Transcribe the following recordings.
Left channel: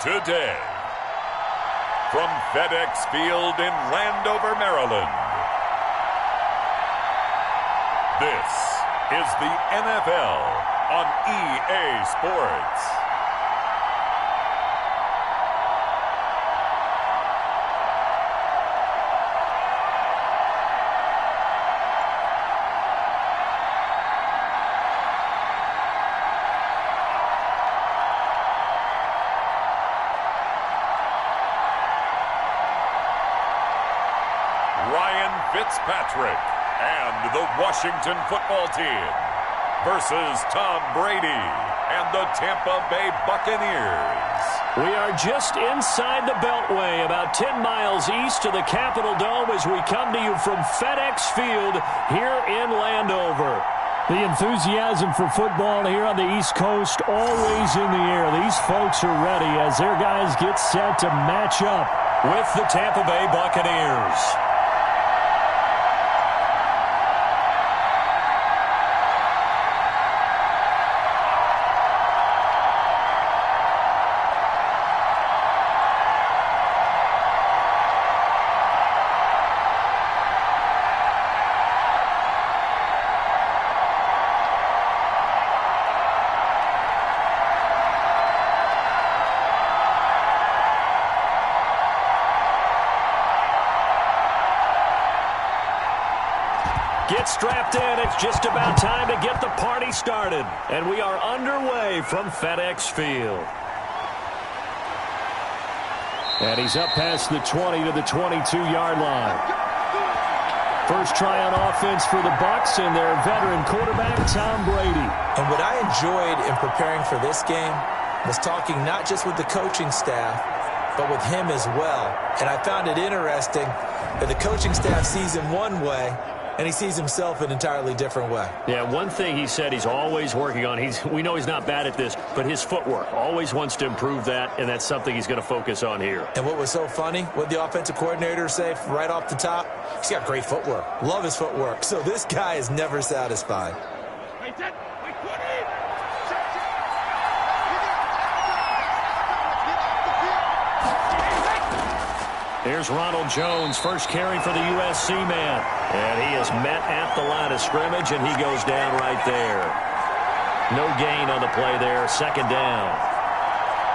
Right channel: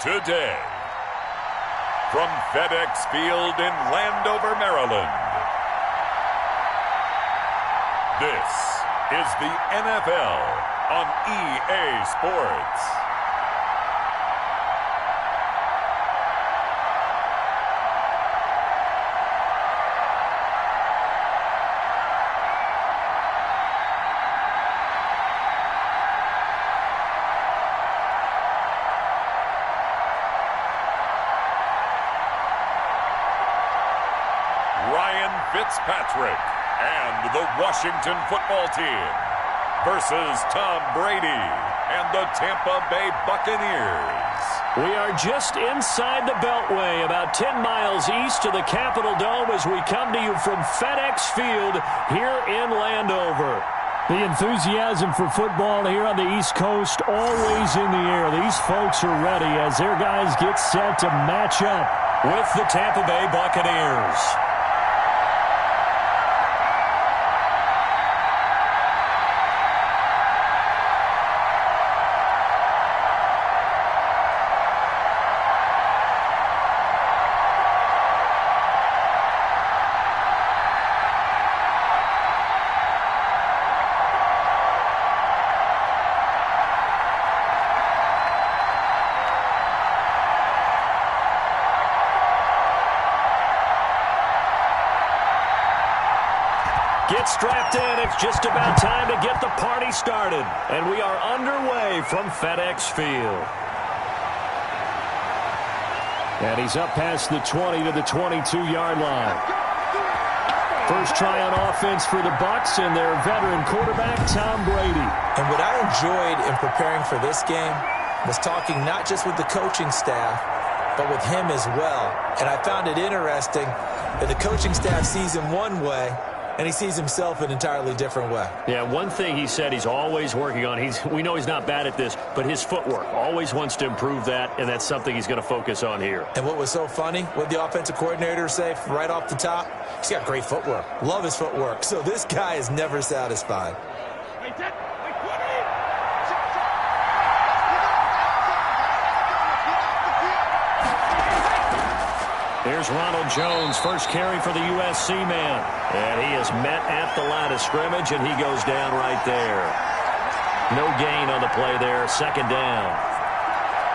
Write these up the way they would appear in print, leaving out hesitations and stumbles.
Today, from FedEx Field in Landover, Maryland, this is the NFL on EA Sports. Fitzpatrick and the Washington football team versus Tom Brady and the Tampa Bay Buccaneers. We are just inside the Beltway, about 10 miles east of the Capitol Dome as we come to you from FedEx Field here in Landover. The enthusiasm for football here on the East Coast always in the air. These folks are ready as their guys get set to match up with the Tampa Bay Buccaneers. Get strapped in. It's just about time to get the party started. And we are underway from FedEx Field. And he's up past the 20 to the 22-yard line. First try on offense for the Bucs and their veteran quarterback, Tom Brady. And what I enjoyed in preparing for this game was talking not just with the coaching staff, but with him as well. And I found it interesting that the coaching staff sees him one way, and he sees himself an entirely different way. Yeah, one thing he said he's always working on, we know he's not bad at this, but his footwork, always wants to improve that, and that's something he's going to focus on here. And what was so funny, what the offensive coordinator say right off the top, he's got great footwork. Love his footwork. So this guy is never satisfied. Here's Ronald Jones, first carry for the USC man. And he is met at the line of scrimmage, and he goes down right there. No gain on the play there, second down.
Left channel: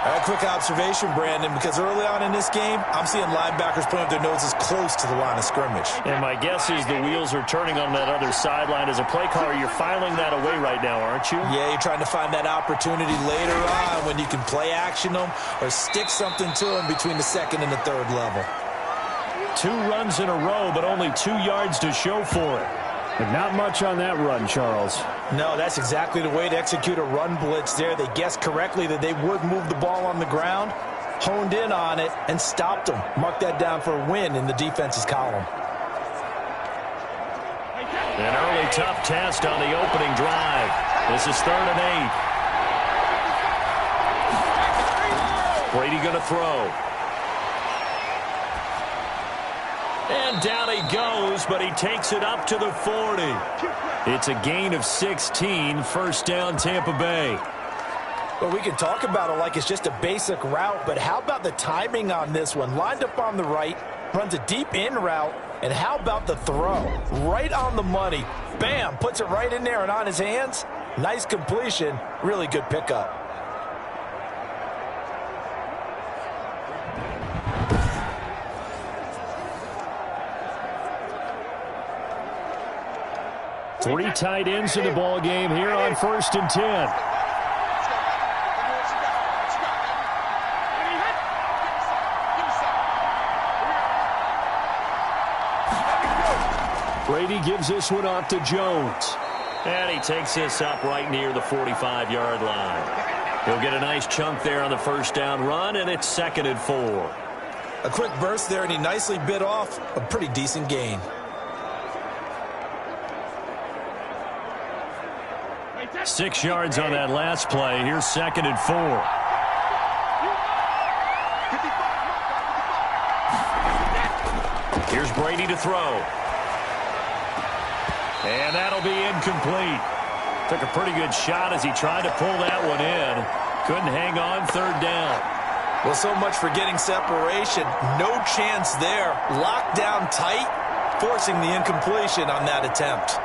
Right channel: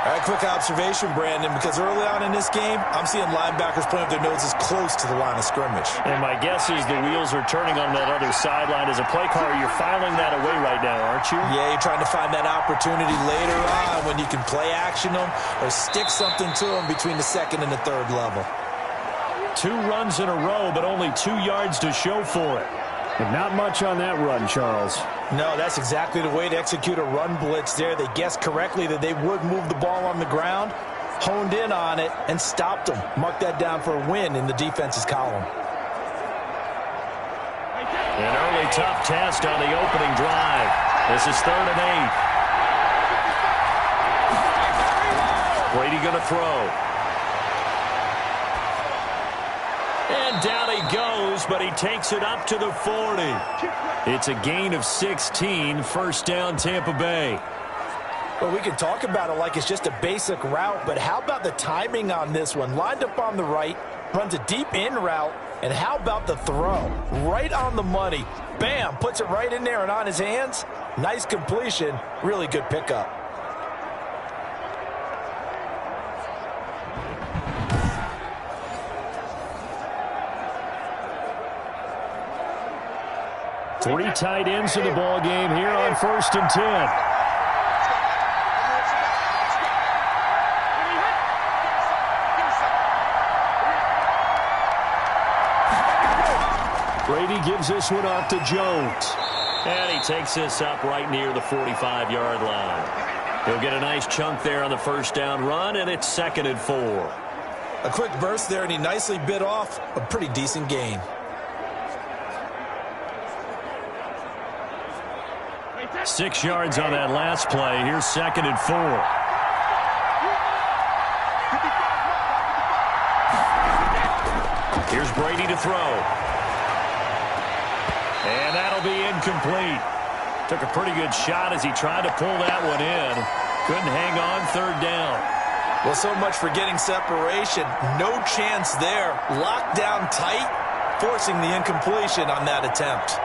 All right, quick observation, Brandon, because early on in this game, I'm seeing linebackers playing with their noses close to the line of scrimmage. And my guess is the wheels are turning on that other sideline. As a play caller, you're filing that away right now, aren't you? Yeah, you're trying to find that opportunity later on when you can play action them or stick something to them between the second and the third level. 2 runs in a row, but only 2 yards to show for it. But not much on that run, Charles. No, that's exactly the way to execute a run blitz there. They guessed correctly that they would move the ball on the ground, honed in on it, and stopped them. Mark that down for a win in the defense's column. An early tough test on the opening drive. This is 3rd and 8. Brady going to throw. And down he goes, but he takes it up to the 40. It's a gain of 16, first down Tampa Bay. Well, we can talk about it like it's just a basic route, but how about the timing on this one? Lined up on the right, runs a deep in route, and how about the throw? Right on the money. Bam, puts it right in there and on his hands. Nice completion, really good pickup. Three tight ends in the ball game here on 1st and 10. Brady gives this one off to Jones. And he takes this up right near the 45-yard line. He'll get a nice chunk there on the first down run, and it's 2nd and 4. A quick burst there, and he nicely bit off a pretty decent gain. Six yards on that last play. Here's 2nd and 4. Here's Brady to throw. And that'll be incomplete. Took a pretty good shot as he tried to pull that one in. Couldn't hang on third down. Well, so much for getting separation. No chance there. Locked down tight, forcing the incompletion on that attempt.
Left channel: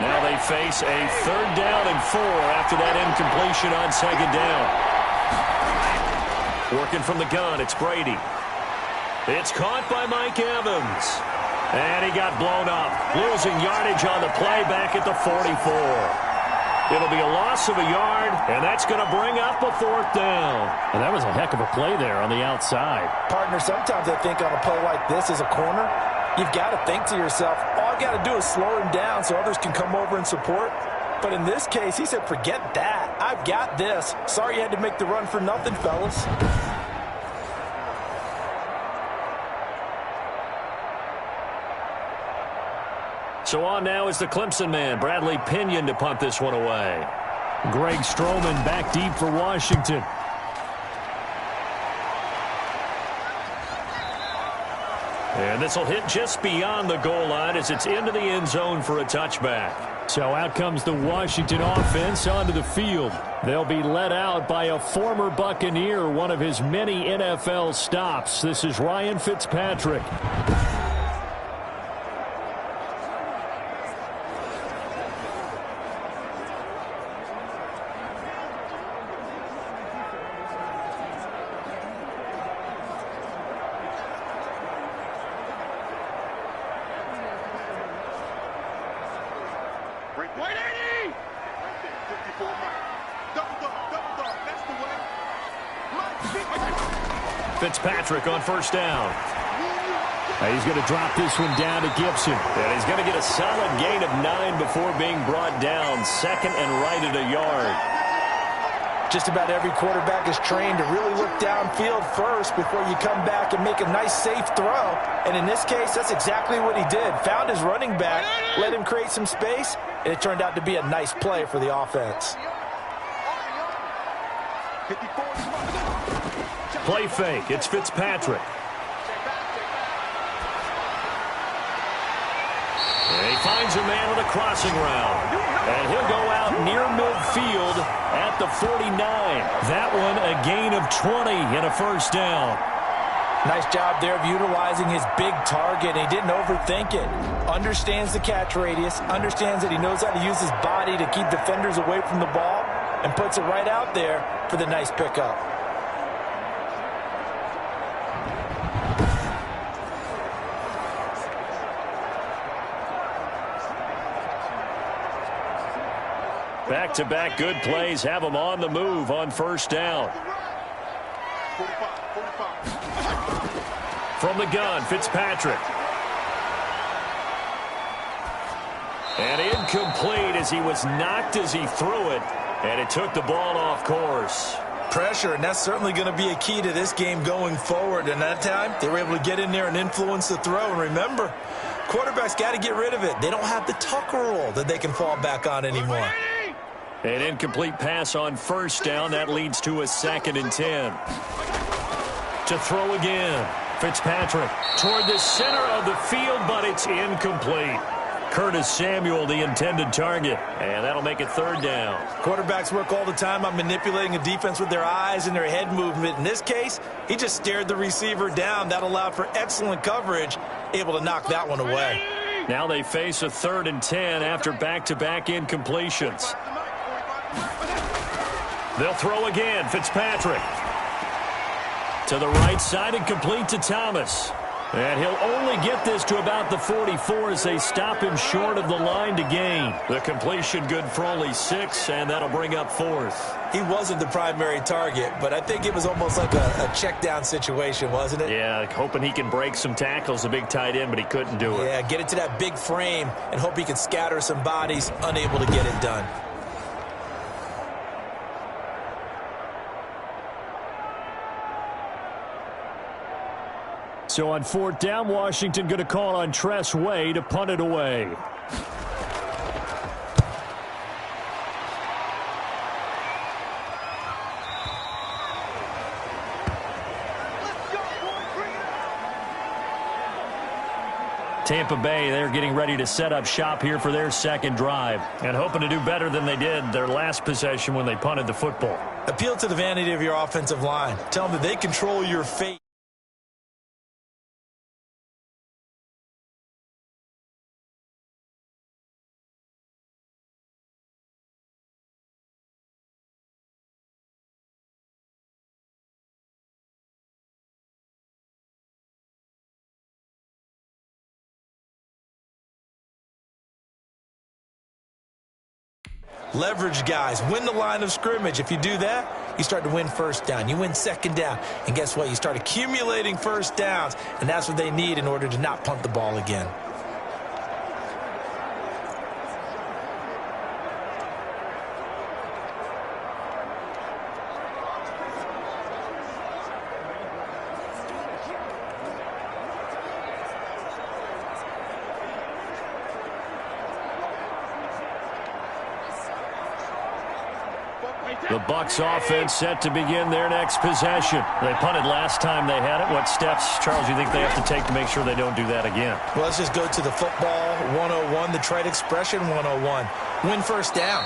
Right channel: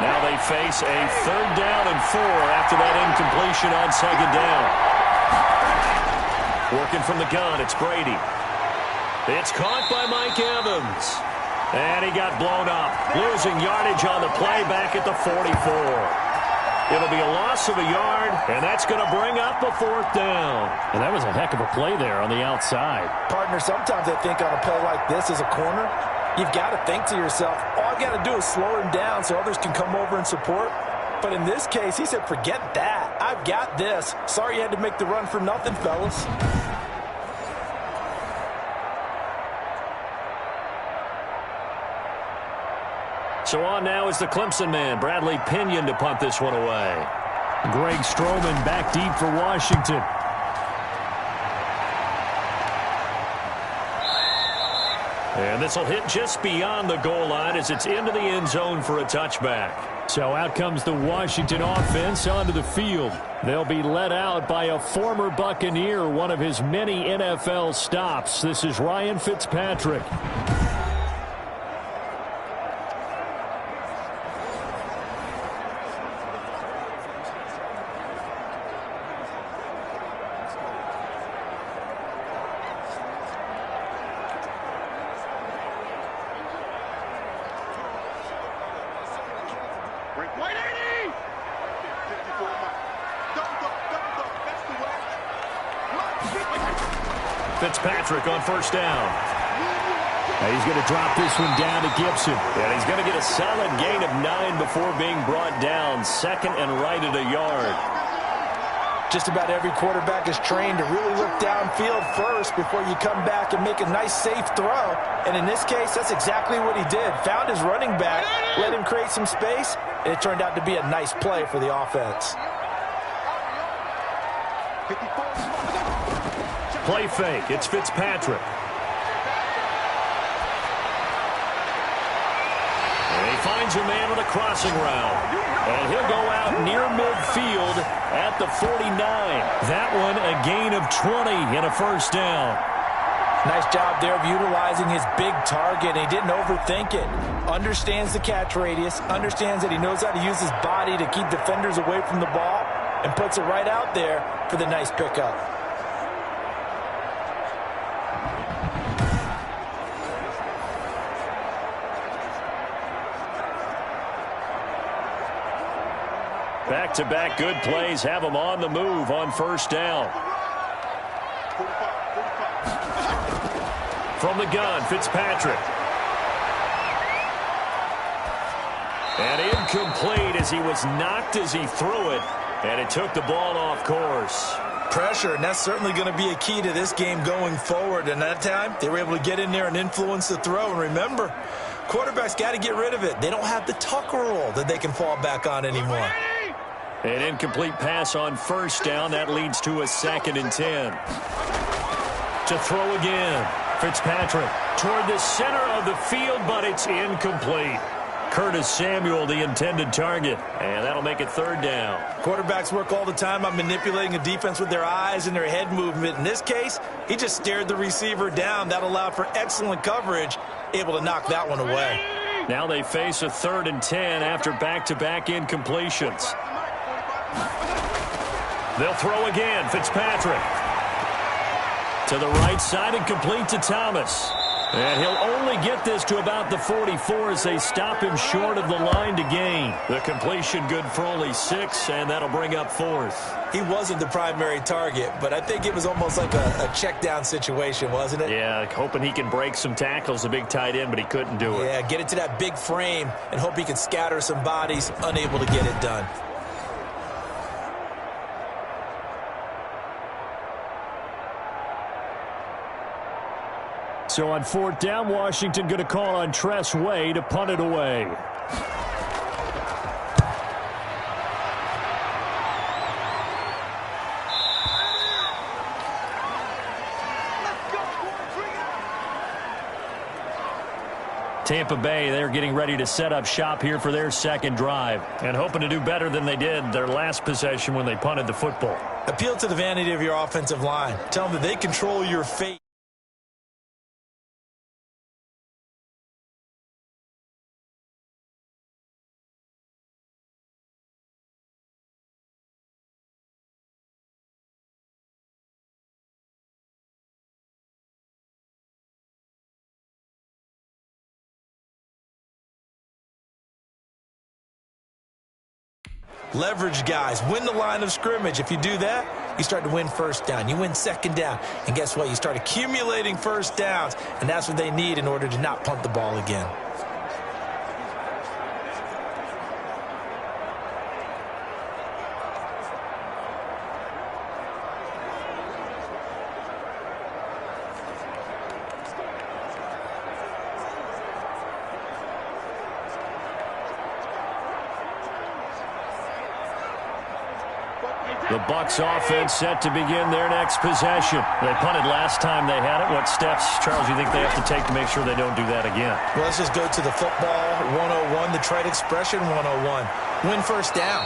Now they face a 3rd down and 4 after that incompletion on 2nd down. Working from the gun, it's Brady. It's caught by Mike Evans. And he got blown up, losing yardage on the play back at the 44. It'll be a loss of a yard, and that's going to bring up a 4th down. And that was a heck of a play there on the outside. Partner, sometimes I think on a play like this as a corner, you've got to think to yourself, all I've got to do is slow him down so others can come over and support. But in this case, he said, forget that. I've got this. Sorry you had to make the run for nothing, fellas. So on now is the Clemson man, Bradley Pinion, to punt this one away. Greg Stroman back deep for Washington. And this will hit just beyond the goal line as it's into the end zone for a touchback. So out comes the Washington offense onto the field. They'll be led out by a former Buccaneer, one of his many NFL stops. This is Ryan Fitzpatrick. White 80! Right there, 54 Mike. Double dog, that's the way. Fitzpatrick on 1st down. He's going to drop this one down to Gibson. And he's going to get a solid gain of 9 before being brought down. 2nd and right at a yard. Just about every quarterback is trained to really look downfield first before you come back and make a nice, safe throw. And in this case, that's exactly what he did. Found his running back, let him create some space, and it turned out to be a nice play for the offense. Play fake. It's Fitzpatrick. And he finds a man on a crossing route. And he'll go out near midfield at the 49. That one a gain of 20 and a 1st down. Nice job there of utilizing his big target. He didn't overthink it. Understands the catch radius. Understands that he knows how to use his body to keep defenders away from the ball. And puts it right out there for the nice pickup. Back-to-back good plays have him on the move on 1st down. From the gun, Fitzpatrick. And incomplete as he was knocked as he threw it. And it took the ball off course. Pressure, and that's certainly going to be a key to this game going forward. And that time, they were able to get in there and influence the throw. And remember, quarterbacks got to get rid of it. They don't have the Tucker rule that they can fall back on anymore. An incomplete pass on 1st down. That leads to a 2nd and 10. To throw again. Fitzpatrick toward the center of the field, but it's incomplete. Curtis Samuel, the intended target. And that'll make it 3rd down. Quarterbacks work all the time on manipulating a defense with their eyes and their head movement. In this case, he just stared the receiver down. That allowed for excellent coverage, able to knock that one away. Now they face a 3rd and 10 after back-to-back incompletions. They'll throw again. Fitzpatrick. To the right side and complete to Thomas. And he'll only get this to about the 44 as they stop him short of the line to gain. The completion good for only 6, and that'll bring up 4th. He wasn't the primary target, but I think it was almost like a check down situation, wasn't it? Yeah, hoping he can break some tackles, a big tight end, but he couldn't do it. Yeah, get it to that big frame and hope he can scatter some bodies, unable to get it done. So on 4th down, Washington going to call on Tress Way to punt it away. Tampa Bay, they're getting ready to set up shop here for their second drive and hoping to do better than they did their last possession when they punted the football. Appeal to the vanity of your offensive line. Tell them that they control your fate. Leverage guys, win the line of scrimmage. If you do that, you start to win first down. You win second down. And guess what? You start accumulating first downs. And that's what they need in order to not punt the ball again. The Bucs offense set to begin their next possession. They punted last time they had it. What steps, Charles, you think they have to take to make sure they don't do that again? Well, let's just go to the football 101, the trade expression 101. Win first down.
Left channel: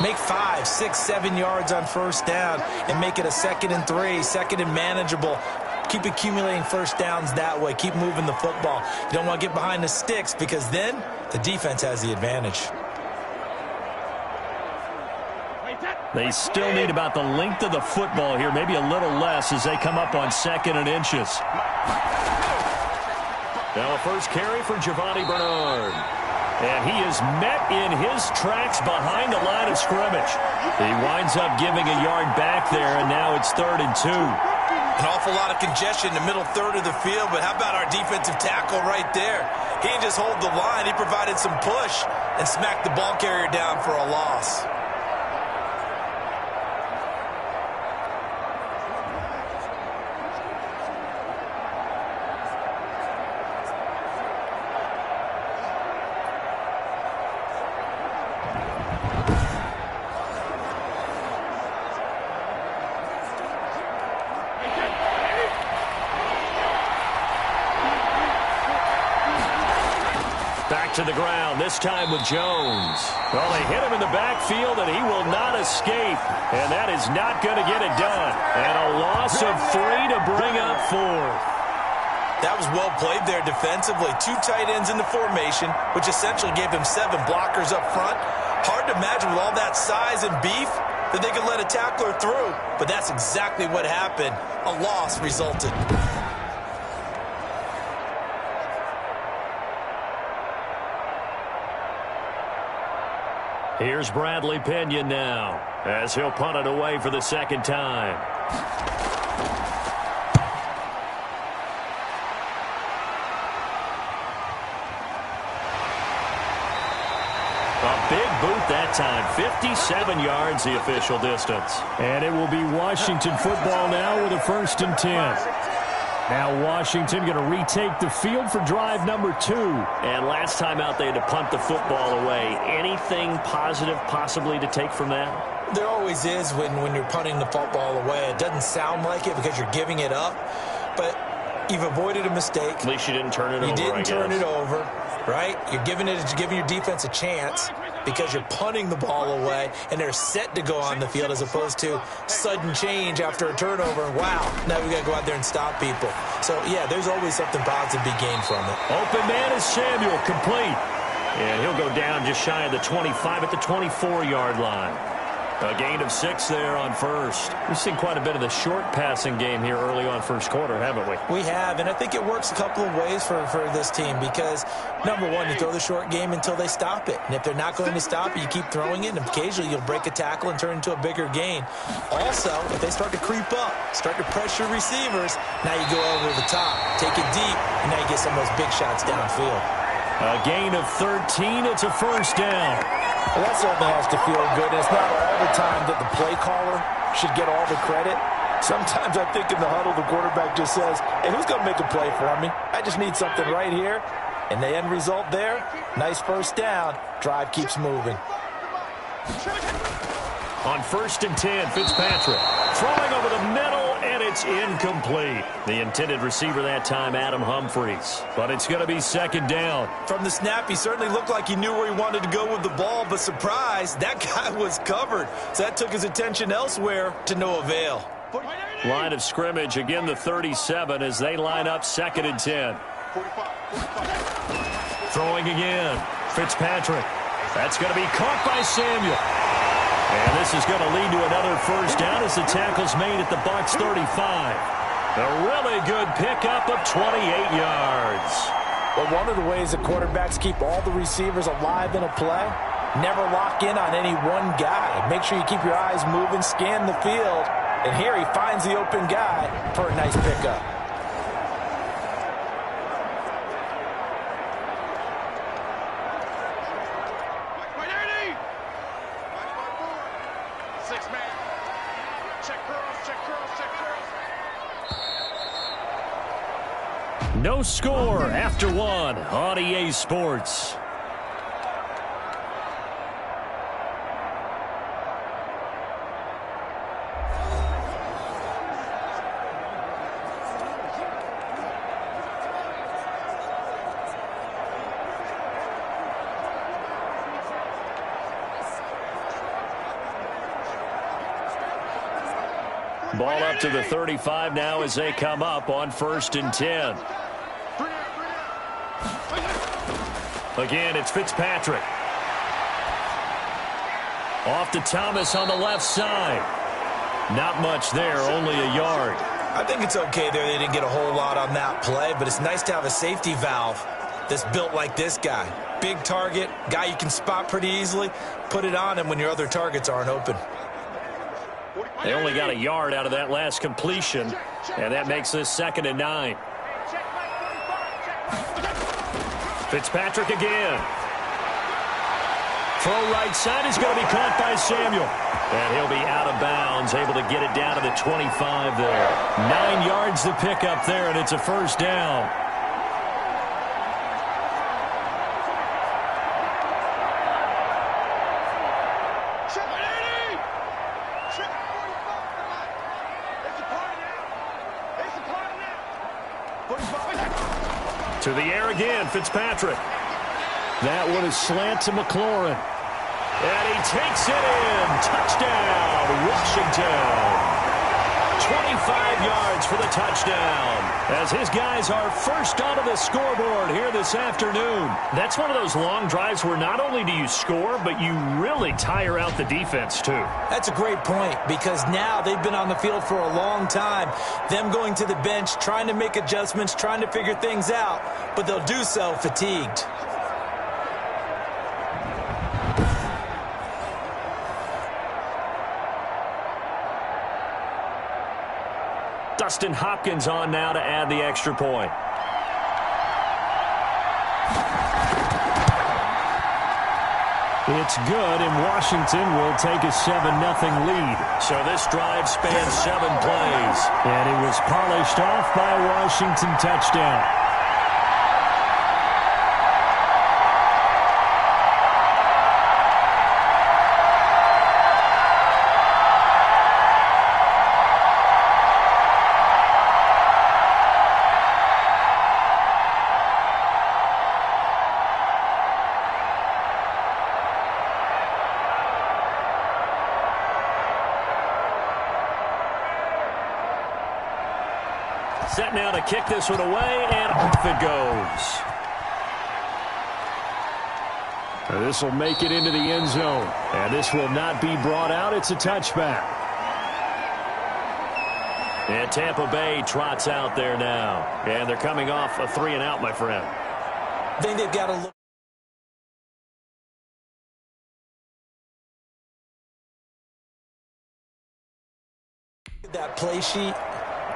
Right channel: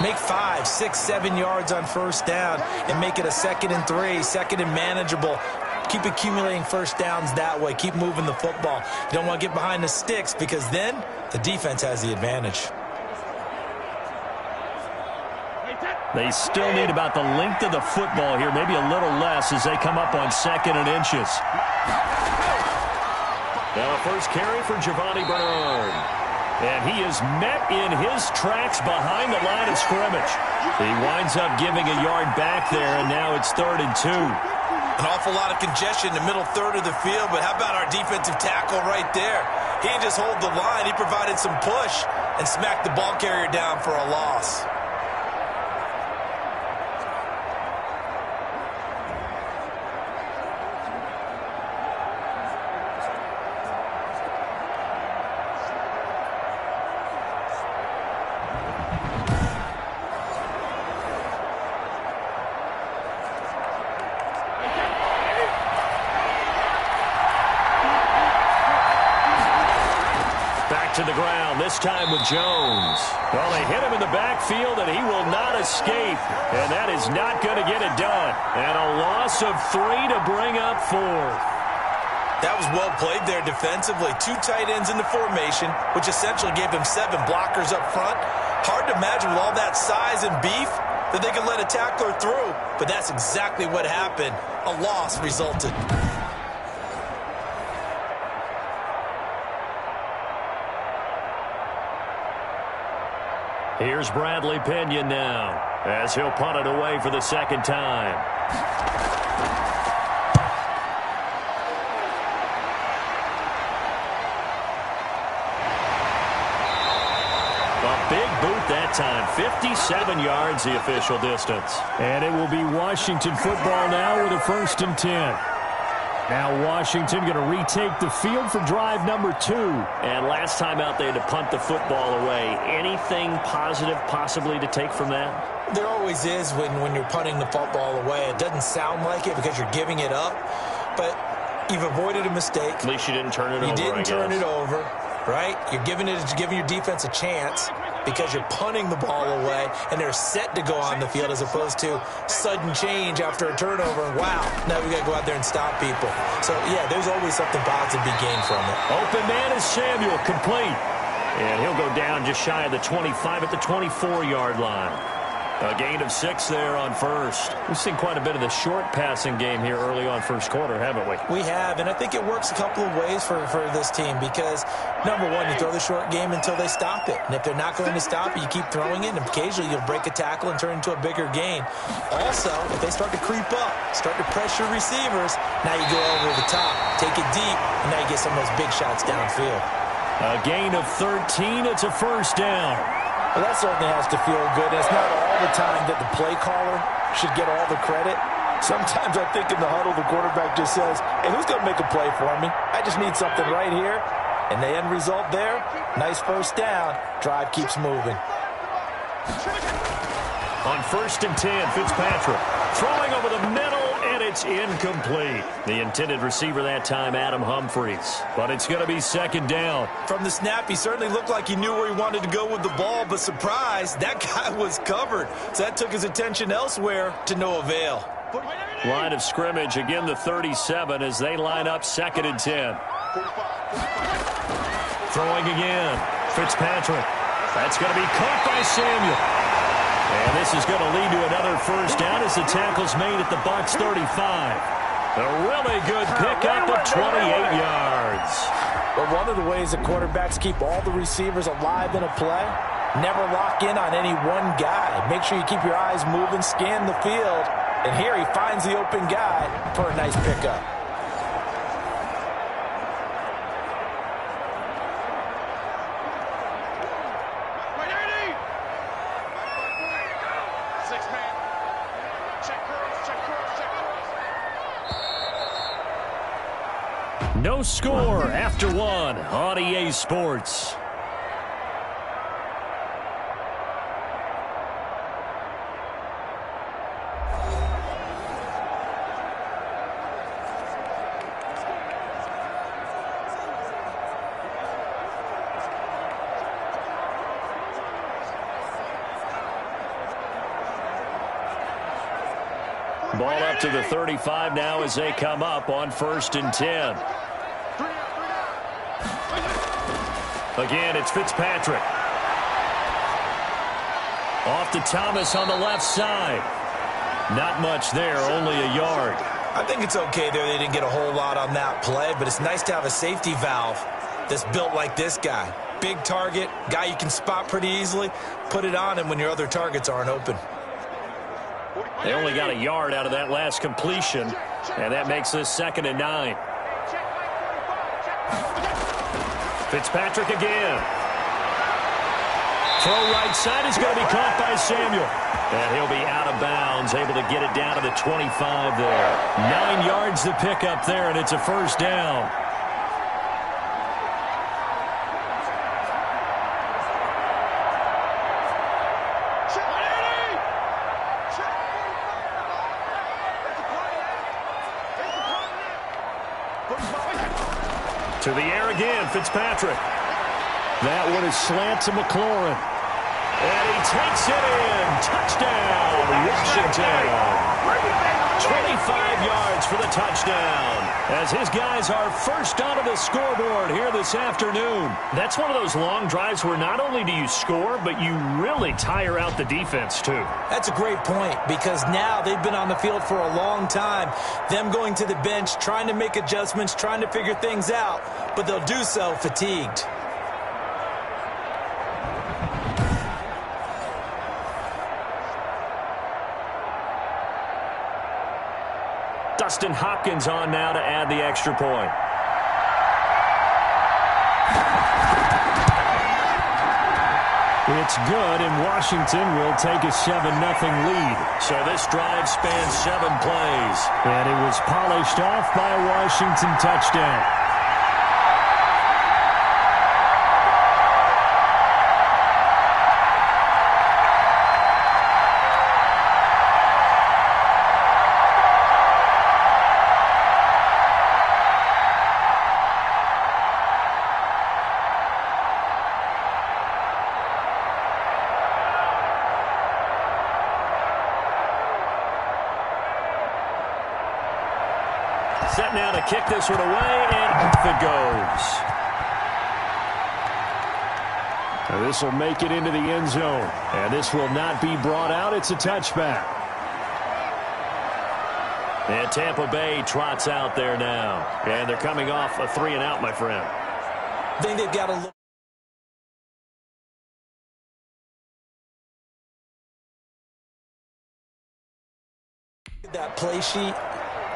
Make 5, 6, 7 yards on first down and make it a 2nd and 3, 2nd and manageable. Keep accumulating first downs that way. Keep moving the football. You don't want to get behind the sticks because then the defense has the advantage. They still need about the length of the football here, maybe a little less as they come up on 2nd and inches. Now a first carry for Giovanni Bernard. And he is met in his tracks behind the line of scrimmage. He winds up giving a yard back there, and now it's 3rd and 2. An awful lot of congestion in the middle third of the field, but how about our defensive tackle right there? He didn't just hold the line. He provided some push and smacked the ball carrier down for a loss. To the ground, this time with Jones. Well, they hit him in the backfield, and he will not escape. And that is not going to get it done. And a loss of 3 to bring up 4th. That was well played there defensively. 2 tight ends in the formation, which essentially gave them 7 blockers up front. Hard to imagine with all that size and beef that they could let a tackler through. But that's exactly what happened. A loss resulted. Here's Bradley Pinion now as he'll punt it away for the 2nd time. A big boot that time. 57 yards the official distance. And it will be Washington football now with a 1st and 10. Now Washington going to retake the field for drive number 2. And last time out they had to punt the football away. Anything positive possibly to take from that? There always is when you're punting the football away. It doesn't sound like it because you're giving it up, but you've avoided a mistake. At least you didn't turn it over, You didn't turn it over, right? You're giving your defense a chance because you're punting the ball away, and they're set to go on the field as opposed to sudden change after a turnover. And wow, now we got to go out there and stop people. So, yeah, there's always something positive to be gained from it. Open man is Samuel, complete. And he'll go down just shy of the 25 at the 24-yard line. A gain of 6 there on first. We've seen quite a bit of the short passing game here early on first quarter, haven't we? We have, and I think it works a couple of ways for this team because, number one, you throw the short game until they stop it. And if they're not going to stop it, you keep throwing it, and occasionally you'll break a tackle and turn into a bigger gain. Also, if they start to creep up, start to pressure receivers, now you go over the top, take it deep, and now you get some of those big shots downfield. A gain of 13. It's a 1st down. Well, that certainly has to feel good. And it's not all the time that the play caller should get all the credit. Sometimes I think in the huddle, the quarterback just says, hey, who's going to make a play for me? I just need something right here. And the end result there, nice 1st down. Drive keeps moving. On 1st and 10, Fitzpatrick throwing over the middle, and it's incomplete. The intended receiver that time, Adam Humphries. But it's going to be 2nd down. From the snap, he certainly looked like he knew where he wanted to go with the ball, but surprise, that guy was covered. So that took his attention elsewhere to no avail. Line of scrimmage, again the 37 as they line up 2nd and 10. 45. Throwing again. Fitzpatrick. That's going to be caught by Samuel. And this is going to lead to another 1st down as the tackle's made at the Bucs 35. A really good pickup of 28 yards. But one of the ways that quarterbacks keep all the receivers alive in a play, never lock in on any one guy. Make sure you keep your eyes moving, scan the field. And here he finds the open guy for a nice pickup. No score after 1 on EA Sports. Ball up to the 35 now as they come up on 1st and 10. Again, it's Fitzpatrick. Off to Thomas on the left side. Not much there, only a yard. I think it's okay there. They didn't get a whole lot on that play, but it's nice to have a safety valve that's built like this guy. Big target, guy you can spot pretty easily. Put it on him when your other targets aren't open. They only got a yard out of that last completion, and that makes this 2nd and 9. Fitzpatrick again. Throw right side is going to be caught by Samuel. And he'll be out of bounds, able to get it down to the 25 there. 9 yards to pick up there, and it's a 1st down. To the air again, Fitzpatrick. That one is slant to McLaurin. And he takes it in. Touchdown, Washington. 25 yards for the touchdown as his guys are first onto the scoreboard here this afternoon. That's one of those long drives where not only do you score, but you really tire out the defense too. That's a great point because now they've been on the field for a long time. Them going to the bench, trying to make adjustments, trying to figure things out, but they'll do so fatigued. Dustin Hopkins on now to add the extra point. It's good, and Washington will take a 7-0 lead. So this drive spans 7 plays. And it was polished off by a Washington touchdown. Set now to kick this one away, and off it goes. Now this will make it into the end zone. And this will not be brought out. It's a touchback. And Tampa Bay trots out there now. And they're coming off a 3-and-out, my friend. I think they've got to look at that play sheet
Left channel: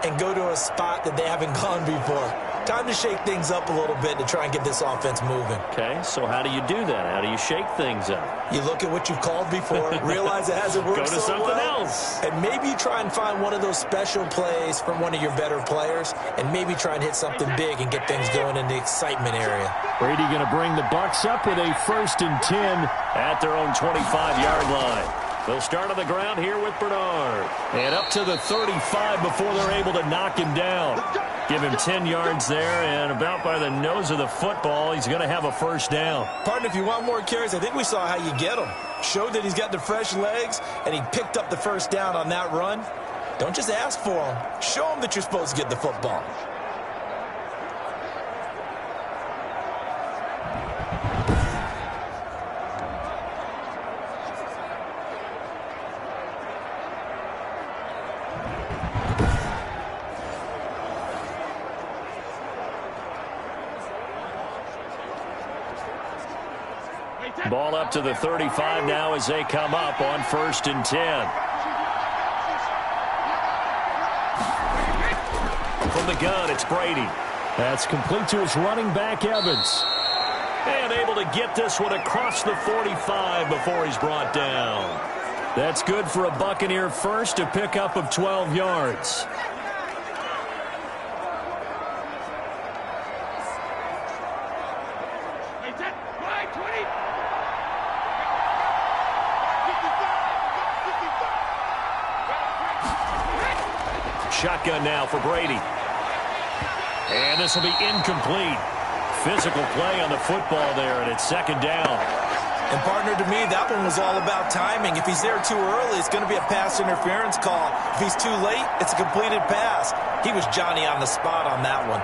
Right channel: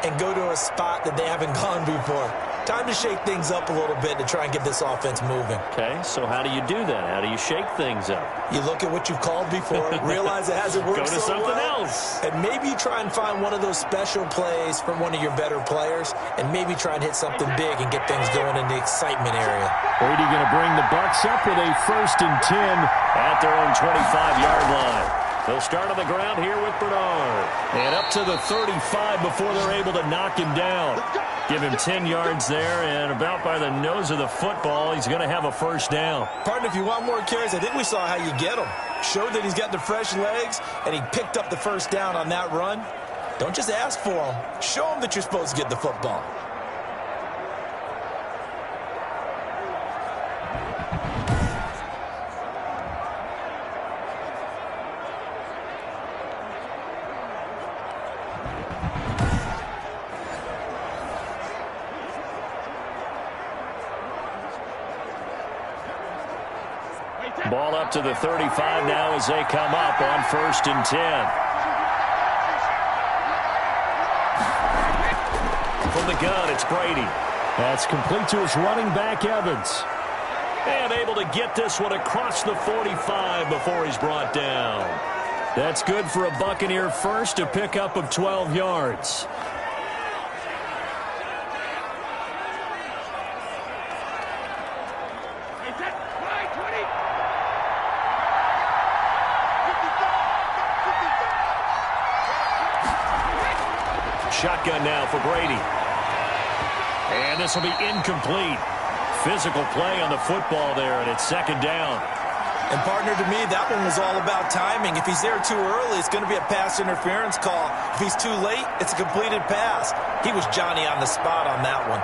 and go to a spot that they haven't gone before. Time to shake things up a little bit to try and get this offense moving. Okay, so how do you do that? How do you shake things up? You look at what you've called before, realize it hasn't worked so well. Go to something else. And maybe you try and find one of those special plays from one of your better players, and maybe try and hit something big and get things going in the excitement area. Brady going to bring the Bucs up with a 1st and 10 at their own 25-yard line. They'll start on the ground here with Bernard. And up to the 35 before they're able to knock him down. Give him 10 yards there, and about by the nose of the football, he's going to have a first down. Partner, if you want more carries, I think we saw how you get him. Showed that he's got the fresh legs, and he picked up the first down on that run. Don't just ask for him. Show him that you're supposed to get the football. Ball up to the 35 now as they come up on 1st and 10. From the gun, it's Brady. That's complete to his running back, Evans. And able to get this one across the 45 before he's brought down. That's good for a Buccaneer first, a pickup of 12 yards. Shotgun now for Brady. And this will be incomplete. Physical play on the football there, and it's 2nd down. And, partner, to me, that one was all about timing. If he's there too early, it's going to be a pass interference call. If he's too late, it's a completed pass. He was Johnny on the spot on that one.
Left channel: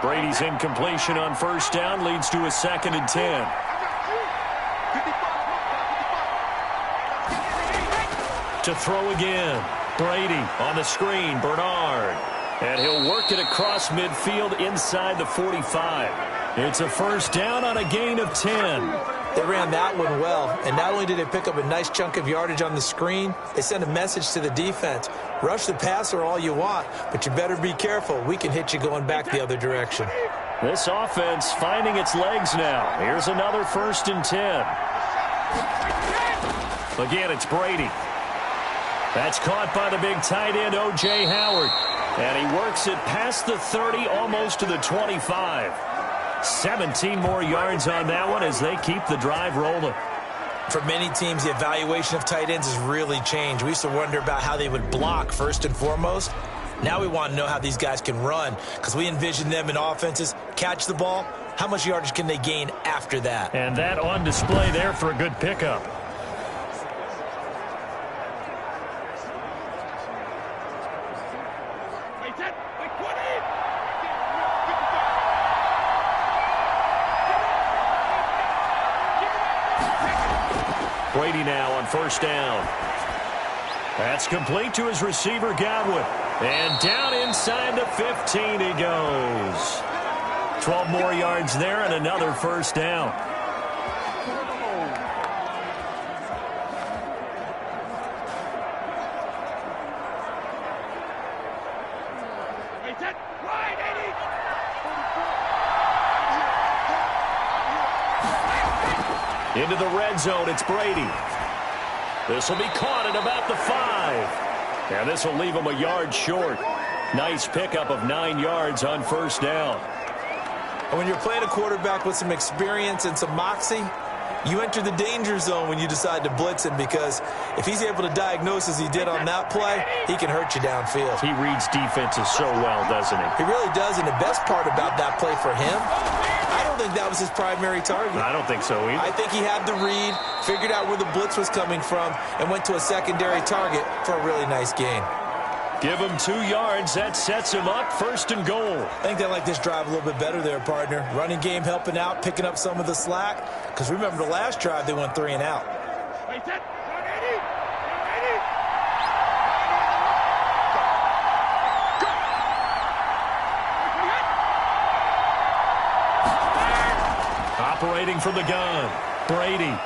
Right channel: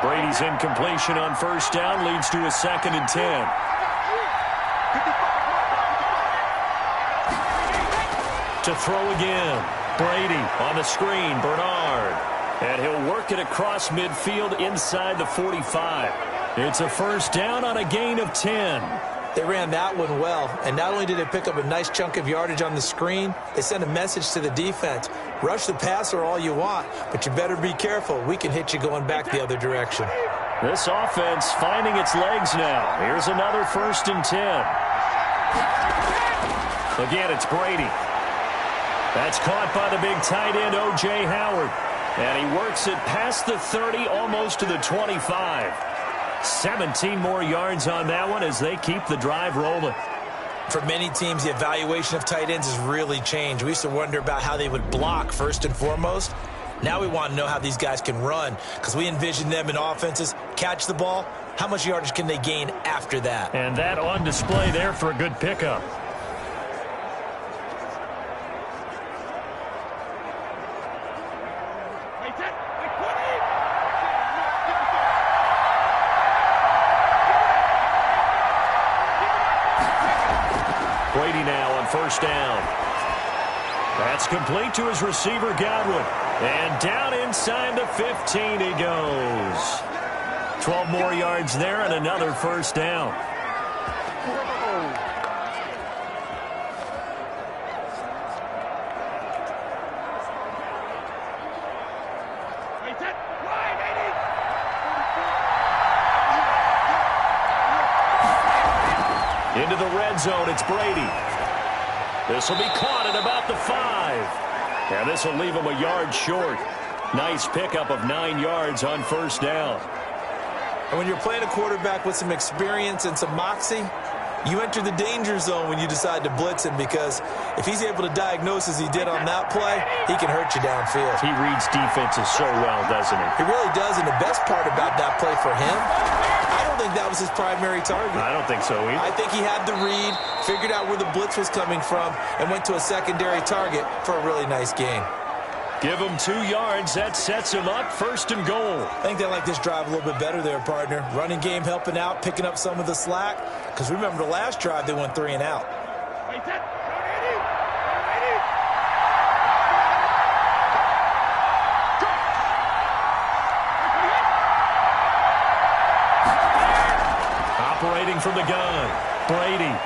Brady's incompletion on 1st down leads to a 2nd and 10. To throw again. Brady on the screen, Bernard. And he'll work it across midfield inside the 45. It's a 1st down on a gain of 10. They ran that one well, and not only did they pick up a nice chunk of yardage on the screen, they sent a message to the defense. Rush the passer all you want, but you better be careful. We can hit you going back the other direction. This offense finding its legs now. Here's another 1st and 10. Again, it's Brady. That's caught by the big tight end, O.J. Howard. And he works it past the 30, almost to the 25. 17 more yards on that one as they keep the drive rolling. For many teams, the evaluation of tight ends has really changed. We used to wonder about how they would block first and foremost. Now we want to know how these guys can run, because we envision them in offenses catch the ball. How much yardage can they gain after that? And that on display there for a good pickup. Brady now on 1st down. That's complete to his receiver, Godwin. And down inside the 15 he goes. 12 more yards there and another 1st down. Into the red zone, it's Brady. This will be caught at about the 5. And this will leave him a yard short. Nice pickup of 9 yards on 1st down. And when you're playing a quarterback with some experience and some moxie, you enter the danger zone when you decide to blitz him, because if he's able to diagnose as he did on that play, he can hurt you downfield. He reads defenses so well, doesn't he? He really does, and the best part about that play for him, I don't think that was his primary target. I don't think so either. I think he had the read, figured out where the blitz was coming from, and went to a secondary target for a really nice gain. Give him 2 yards. That sets him up 1st and goal. I think they like this drive a little bit better there, partner. Running game helping out, picking up some of the slack. Because remember, the last drive, they went 3 and out. Operating from the gun, Brady.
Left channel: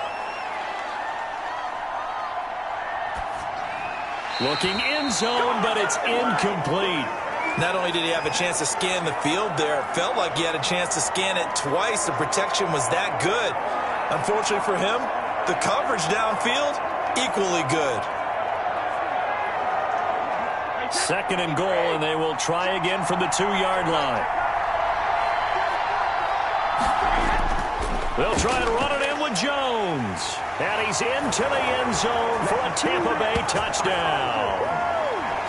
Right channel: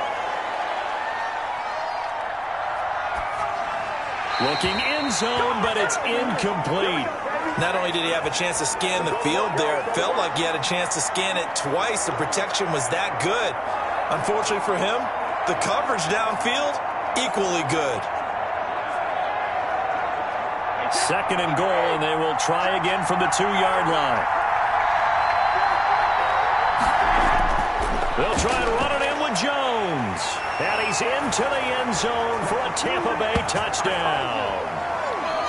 Looking end zone, but it's incomplete. Not only did he have a chance to scan the field there, it felt like he had a chance to scan it twice. The protection was that good. Unfortunately for him, the coverage downfield, equally good. 2nd and goal, and they will try again from the 2-yard line. They'll try and run it in with Jones. And he's into the end zone for a Tampa Bay touchdown.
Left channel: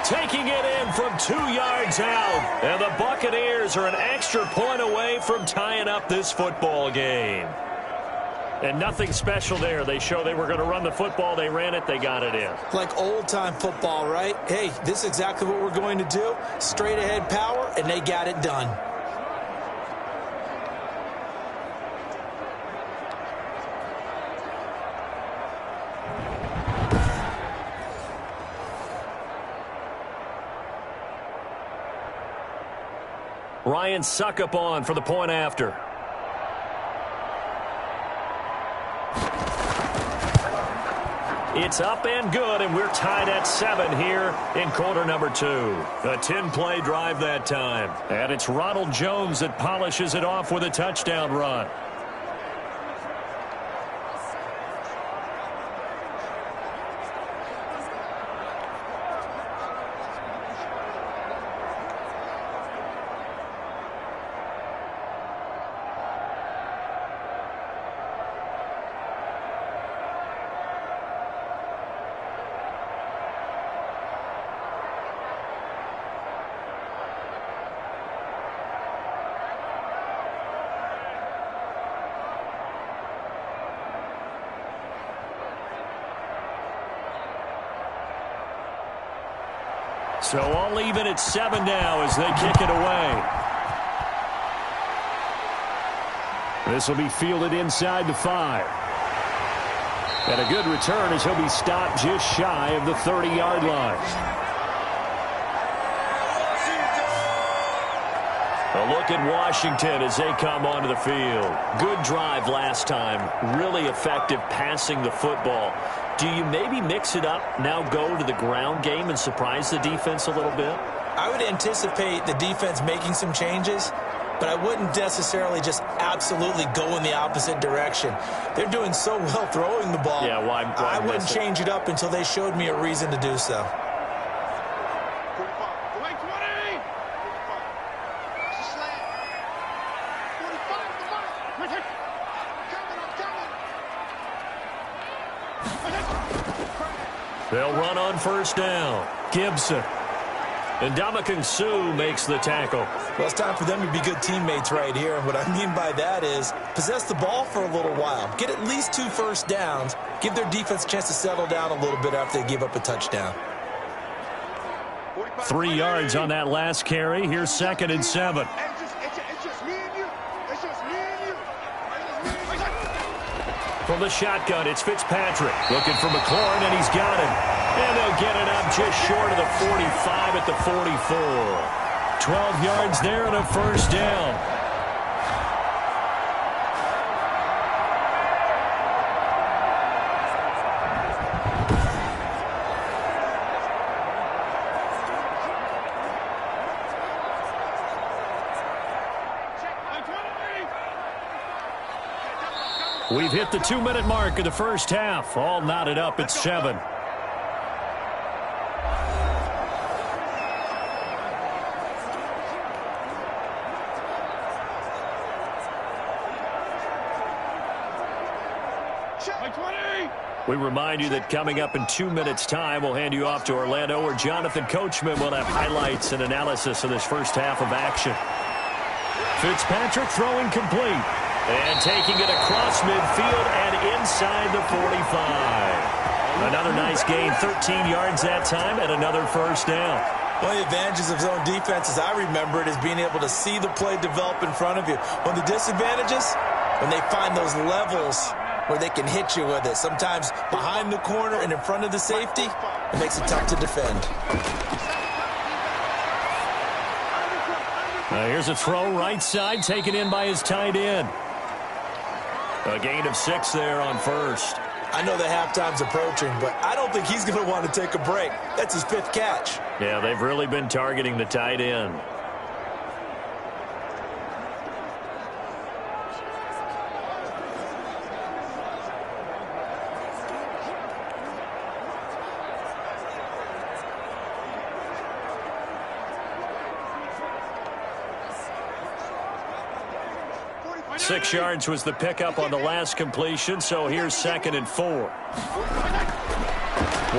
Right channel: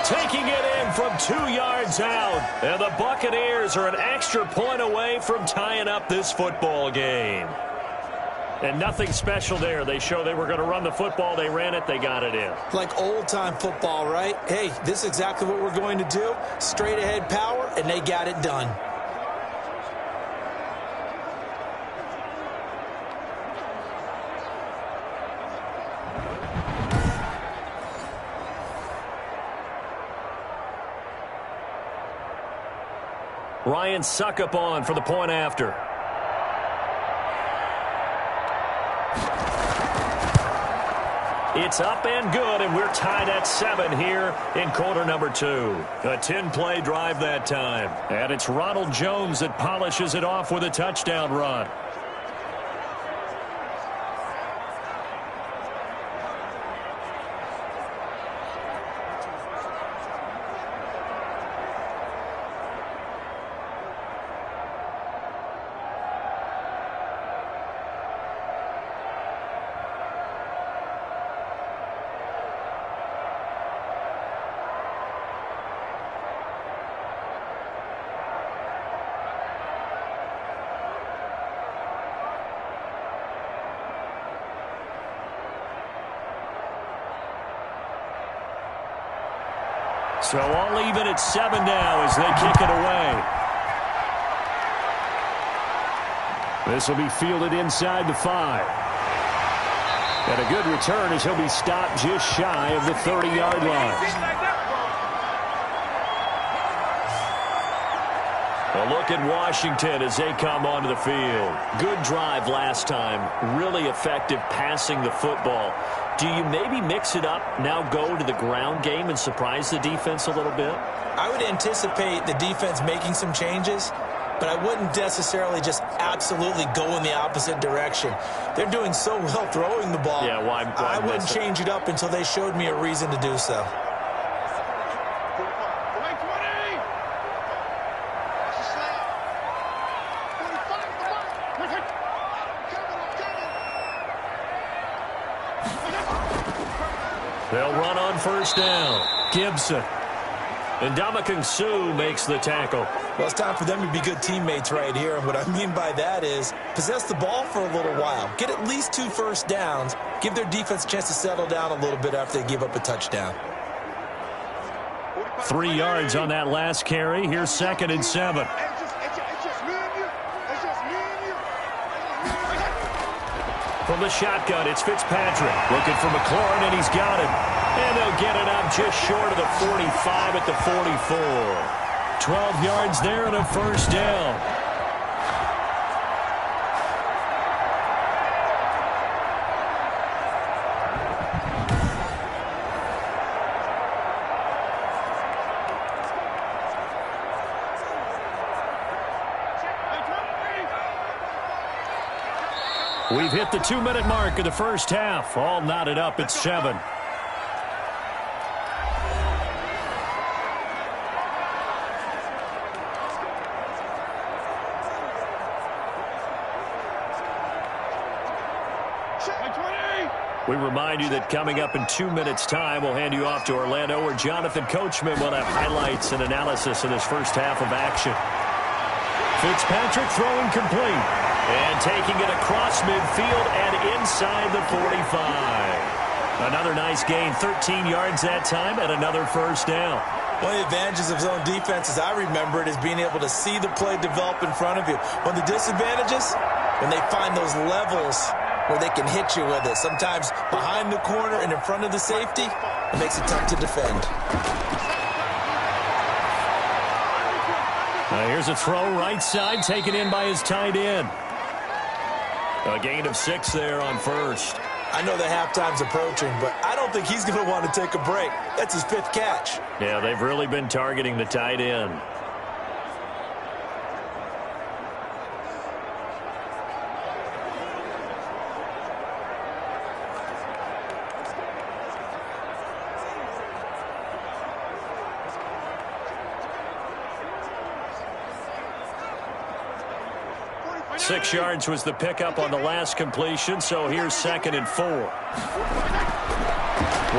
Taking it in from 2 yards out. And the Buccaneers are an extra point away from tying up this football game. And nothing special there. They show they were going to run the football. They ran it. They got it in. Like old-time football, right? Hey, this is exactly what we're going to do. Straight-ahead power, and they got it done. Ryan Suckup on for the point after. It's up and good, and we're tied at 7 here in quarter number 2. A 10-play drive that time. And it's Ronald Jones that polishes it off with a touchdown run. So all even at 7 now as they kick it away. This will be fielded inside the 5. And a good return as he'll be stopped just shy of the 30-yard line. A look at Washington as they come onto the field. Good drive last time. Really effective passing the football. Do you maybe mix it up, now go to the ground game and surprise the defense a little bit? I would anticipate the defense making some changes, but I wouldn't necessarily just absolutely go in the opposite direction. They're doing so well throwing the ball. Yeah, why I wouldn't change it up until they showed me a reason to do so. 45. Away 20. 45. That's a slant. 45 is the mark. I'm coming. They'll run on first down. Gibson. And Ndamukong Suh makes the tackle. Well, it's time for them to be good teammates right here. And what I mean by that is possess the ball for a little while. Get at least 2 first downs. Give their defense a chance to settle down a little bit after they give up a touchdown. 3 yards on that last carry. Here's 2nd and 7. It's just me and you. It's just me and you. From the shotgun, it's Fitzpatrick. Looking for McLaurin, and he's got him. And they'll get it up just short of the 45 at the 44. 12 yards there and a first down. We've hit the 2-minute mark of the first half. All knotted up at 7. We remind you that coming up in 2 minutes' time, we'll hand you off to Orlando, where Jonathan Coachman will have highlights and analysis of this first half of action. Fitzpatrick throwing complete. And taking it across midfield and inside the 45. Another nice gain, 13 yards that time, and another first down. One of the advantages of zone defense, as I remember it, is being able to see the play develop in front of you. One of the disadvantages, when they find those levels where they can hit you with it. Sometimes behind the corner and in front of the safety, it makes it tough to defend. Here's a throw right side, taken in by his tight end. A gain of 6 there on first. I know the halftime's approaching, but I don't think he's going to want to take a break. That's his 5th catch. Yeah, they've really been targeting the tight end. 6 yards was the pickup on the last completion, so here's 2nd and 4.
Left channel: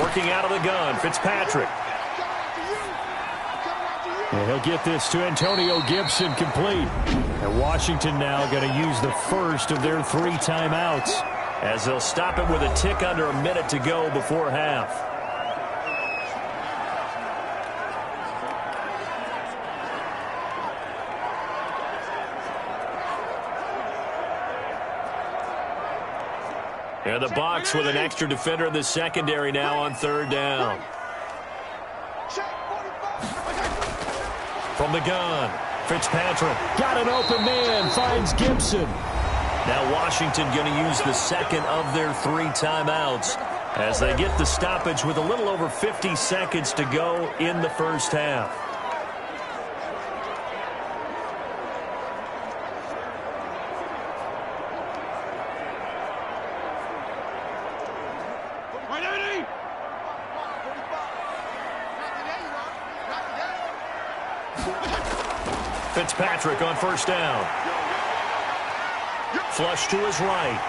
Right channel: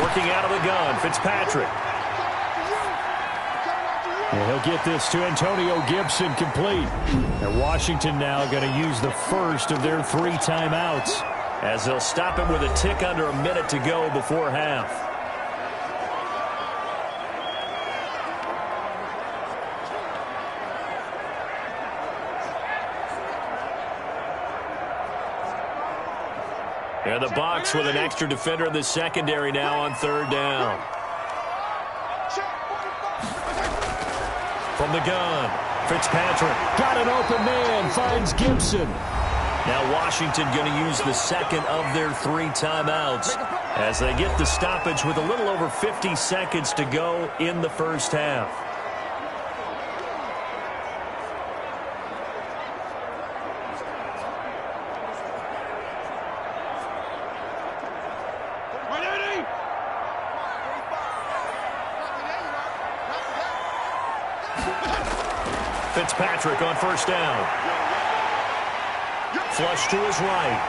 Working out of the gun, Fitzpatrick. And he'll get this to Antonio Gibson complete. And Washington now going to use the first of their 3 timeouts, as they'll stop it with a tick under a minute to go before half. And the Bucs with an extra defender in the secondary now on 3rd down. From the gun, Fitzpatrick. Got an open man, finds Gibson. Now Washington going to use the 2nd of their 3 timeouts as they get the stoppage with a little over 50 seconds to go in the first half. Fitzpatrick on 1st down. Flush to his right.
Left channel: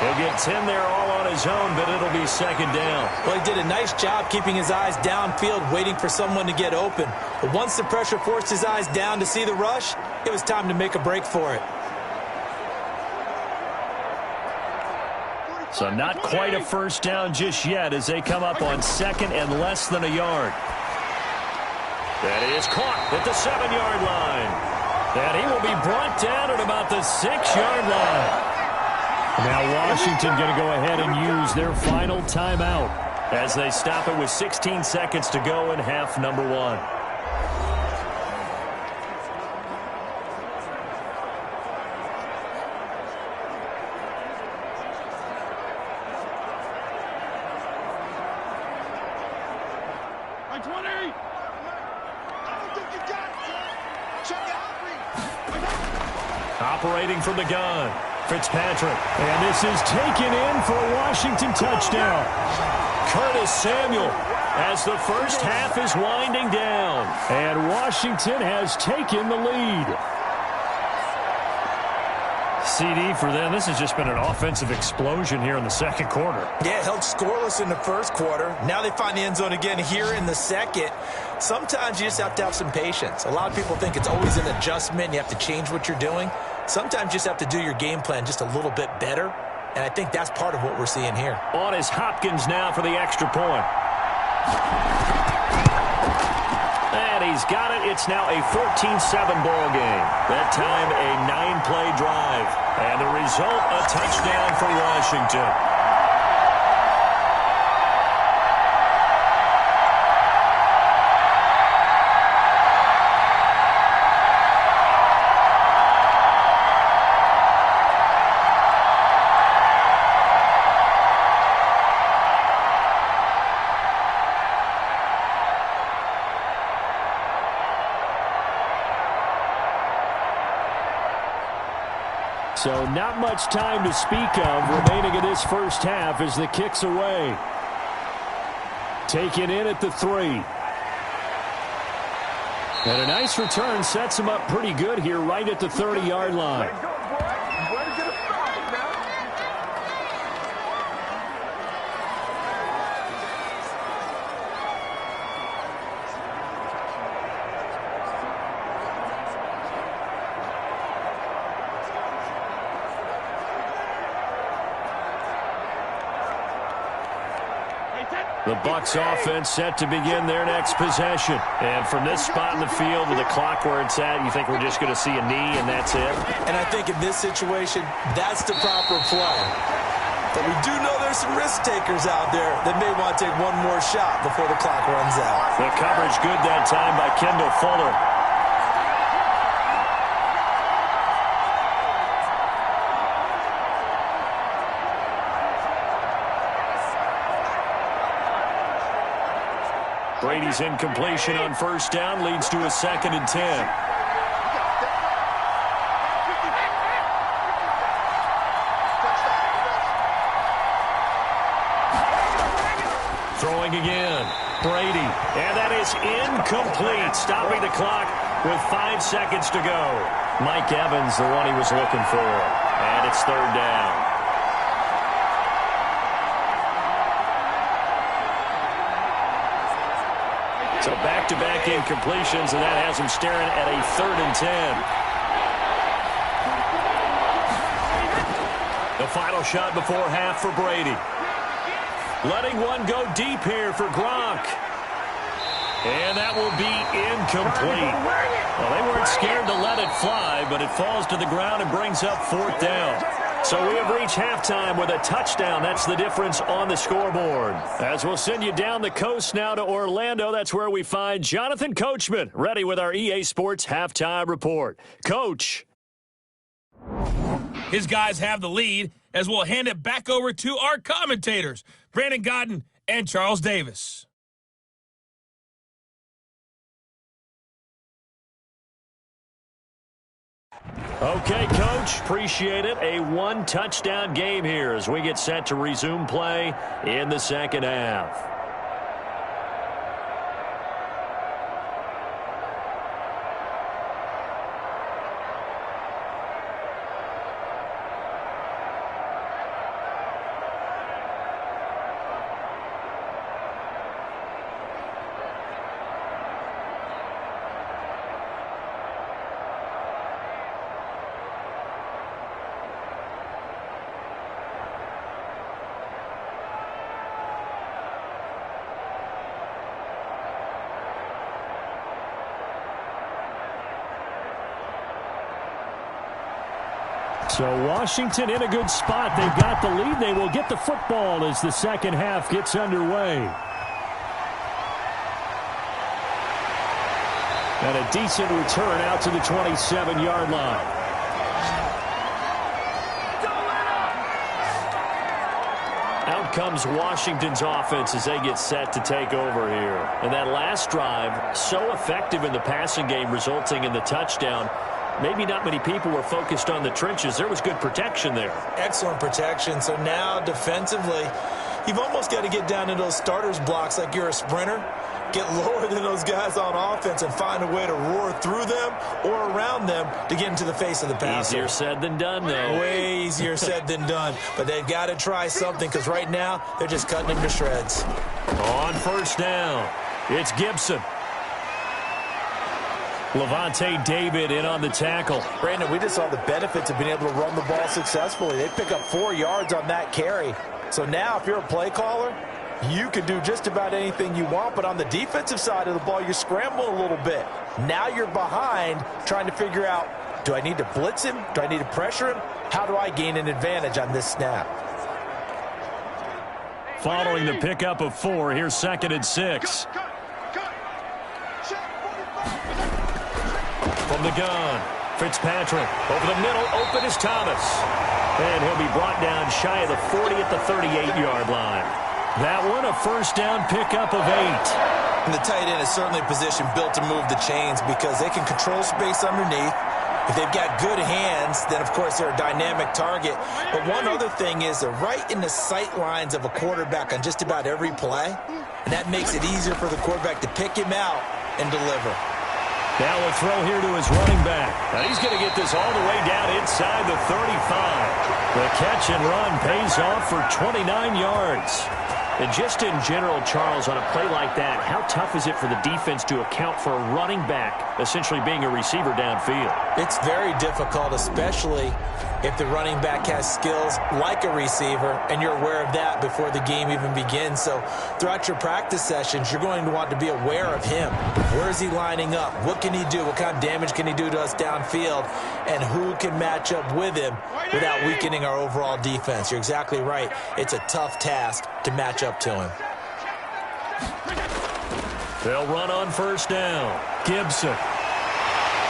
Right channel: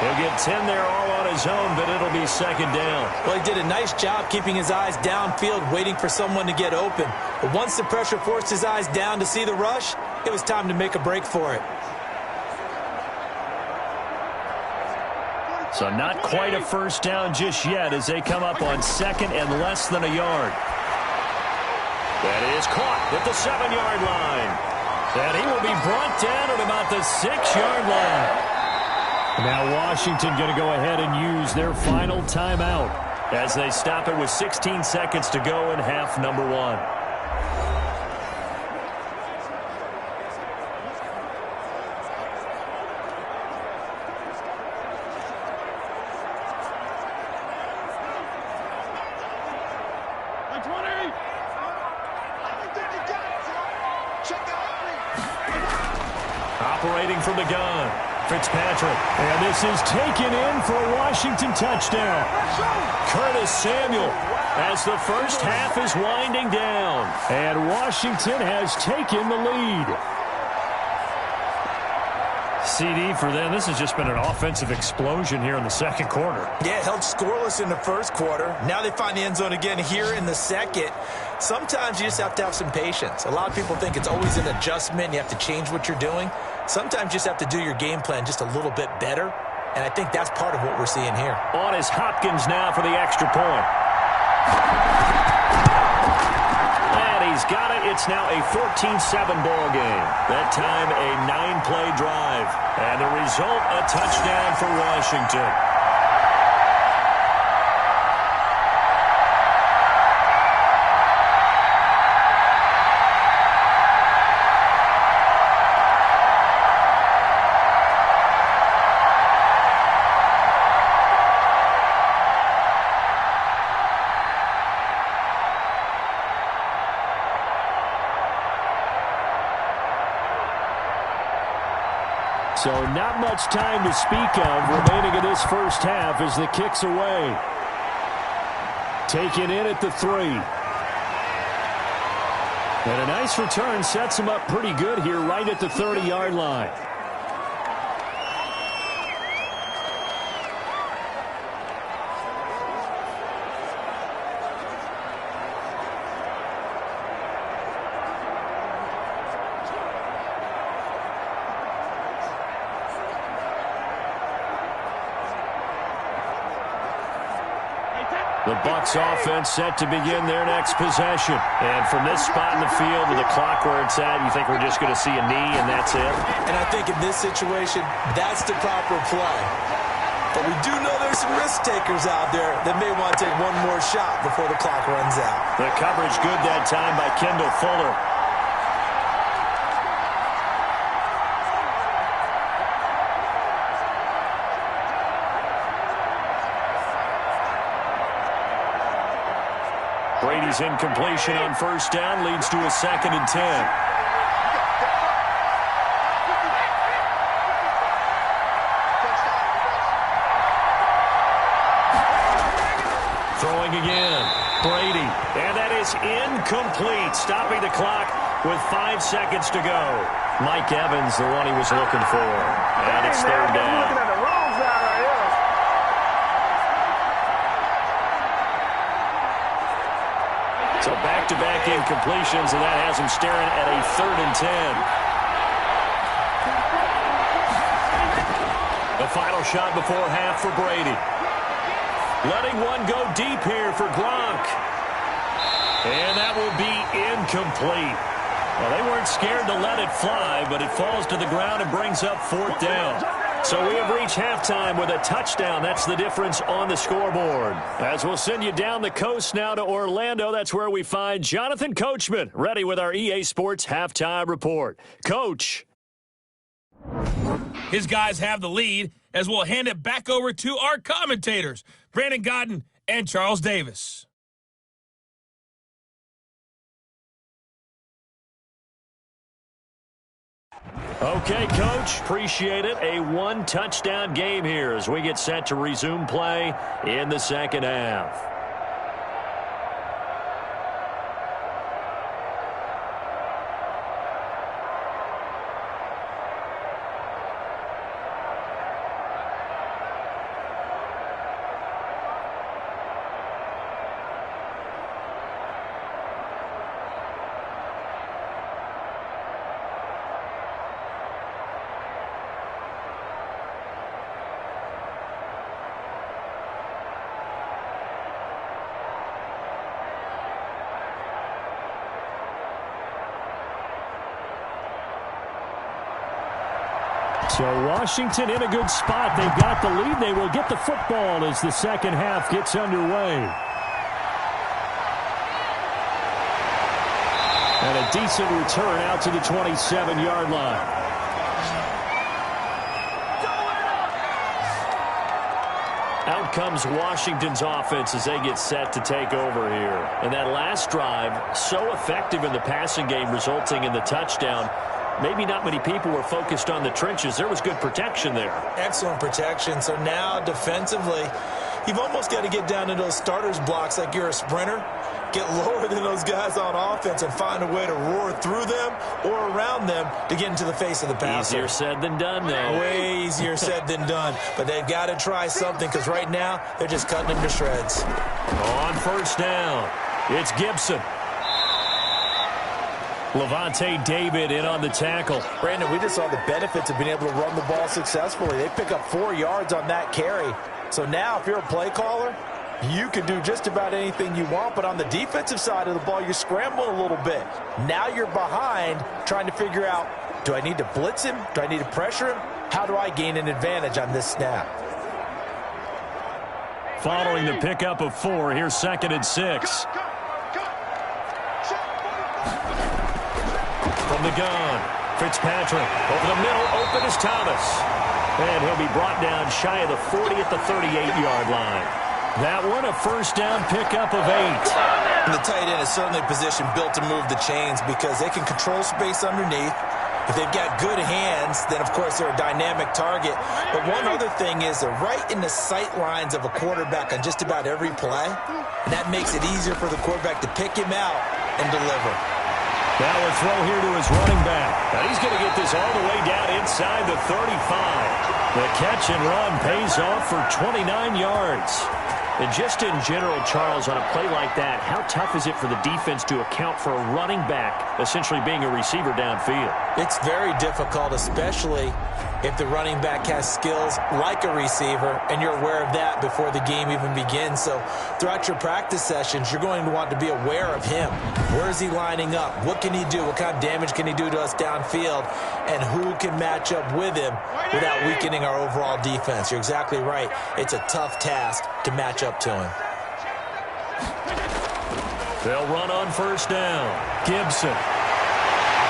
He'll get 10 there all on his own, but it'll be 2nd down. Well, he did a nice job keeping his eyes downfield, waiting for someone to get open. But once the pressure forced his eyes down to see the rush, it was time to make a break for it. So not quite a 1st down just yet as they come up on 2nd and less than a yard. That is caught at the 7-yard line. And he will be brought down at about the 6-yard line. Now Washington going to go ahead and use their final timeout as they stop it with 16 seconds to go in half number 1. Operating from the gun, Fitzpatrick. And this is taken in for a Washington touchdown. Curtis Samuel as the first half is winding down. And Washington has taken the lead. CD for them. This has just been an offensive explosion here in the 2nd quarter. Yeah, held scoreless in the 1st quarter. Now they find the end zone again here in the 2nd. Sometimes you just have to have some patience. A lot of people think it's always an adjustment. You have to change what you're doing. Sometimes you just have to do your game plan just a little bit better. And I think that's part of what we're seeing here. On is Hopkins now for the extra point. And he's got it. It's now a 14-7 ball game. That time a 9-play drive. And the result, a touchdown for Washington. So not much time to speak of remaining in this first half as the kick's away. Taken in at the 3. And a nice return sets him up pretty good here right at the 30-yard line. The Bucs offense set to begin their next possession. And from this spot in the field with the clock where it's at, you think we're just going to see a knee and that's it? And I think in this situation, that's the proper play. But we do know there's some risk takers out there that may want to take one more shot before the clock runs out. The coverage good that time by Kendall Fuller. Brady's incompletion on 1st down leads to a 2nd and 10. Throwing again. Brady. And that is incomplete. Stopping the clock with 5 seconds to go. Mike Evans, the one he was looking for. And it's third down. So back-to-back incompletions, and that has him staring at a 3rd and 10. The final shot before half for Brady. Letting one go deep here for Gronk. And that will be incomplete. Well, they weren't scared to let it fly, but it falls to the ground and brings up 4th down. So we have reached halftime with a touchdown. That's the difference on the scoreboard. As we'll send you down the coast now to Orlando, that's where we find Jonathan Coachman, ready with our EA Sports Halftime Report. Coach. His guys have the lead as we'll hand it back over to our commentators, Brandon Godden and Charles Davis. Okay, Coach, appreciate it. A 1-touchdown game here as we get set to resume play in the second half. So Washington in a good spot. They've got the lead. They will get the football as the second half gets underway. And a decent return out to the 27-yard line. Out comes Washington's offense as they get set to take over here. And that last drive, so effective in the passing game, resulting in the touchdown. Maybe not many people were focused on the trenches. There was good protection there. Excellent protection. So now defensively, you've almost got to get down into those starters blocks like you're a sprinter. Get lower than those guys on offense and find a way to roar through them or around them to get into the face of the passer. Easier said than done, though. Way easier said than done. But they've got to try something because right now they're just cutting them to shreds. On first down, it's Gibson. Levante David in on the tackle. Brandon, we just saw the benefits of being able to run the ball successfully. They pick up 4 yards on that carry. So now if you're a play caller, you can do just about anything you want. But on the defensive side of the ball, you're scrambling a little bit. Now you're behind trying to figure out, do I need to blitz him? Do I need to pressure him? How do I gain an advantage on this snap? Following the pickup of 4, here's 2nd and 6. From the gun, Fitzpatrick over the middle, open is Thomas. And he'll be brought down shy of the 40 at the 38-yard line. That one a first down pickup of 8. And the tight end is certainly a position built to move the chains because they can control space underneath. If they've got good hands, then, of course, they're a dynamic target. But one other thing is they're right in the sight lines of a quarterback on just about every play. And that makes it easier for the quarterback to pick him out and deliver. Now a throw here to his running back. And he's going to get this all the way down inside the 35. The catch and run pays off for 29 yards. And just in general, Charles, on a play like that, how tough is it for the defense to account for a running back essentially being a receiver downfield? It's very difficult, especially if the running back has skills like a receiver, and you're aware of that before the game even begins. So throughout your practice sessions, you're going to want to be aware of him. Where is he lining up? What can he do? What kind of damage can he do to us downfield? And who can match up with him without weakening our overall defense? You're exactly right. It's a tough task to match up to him. They'll run on first down. Gibson.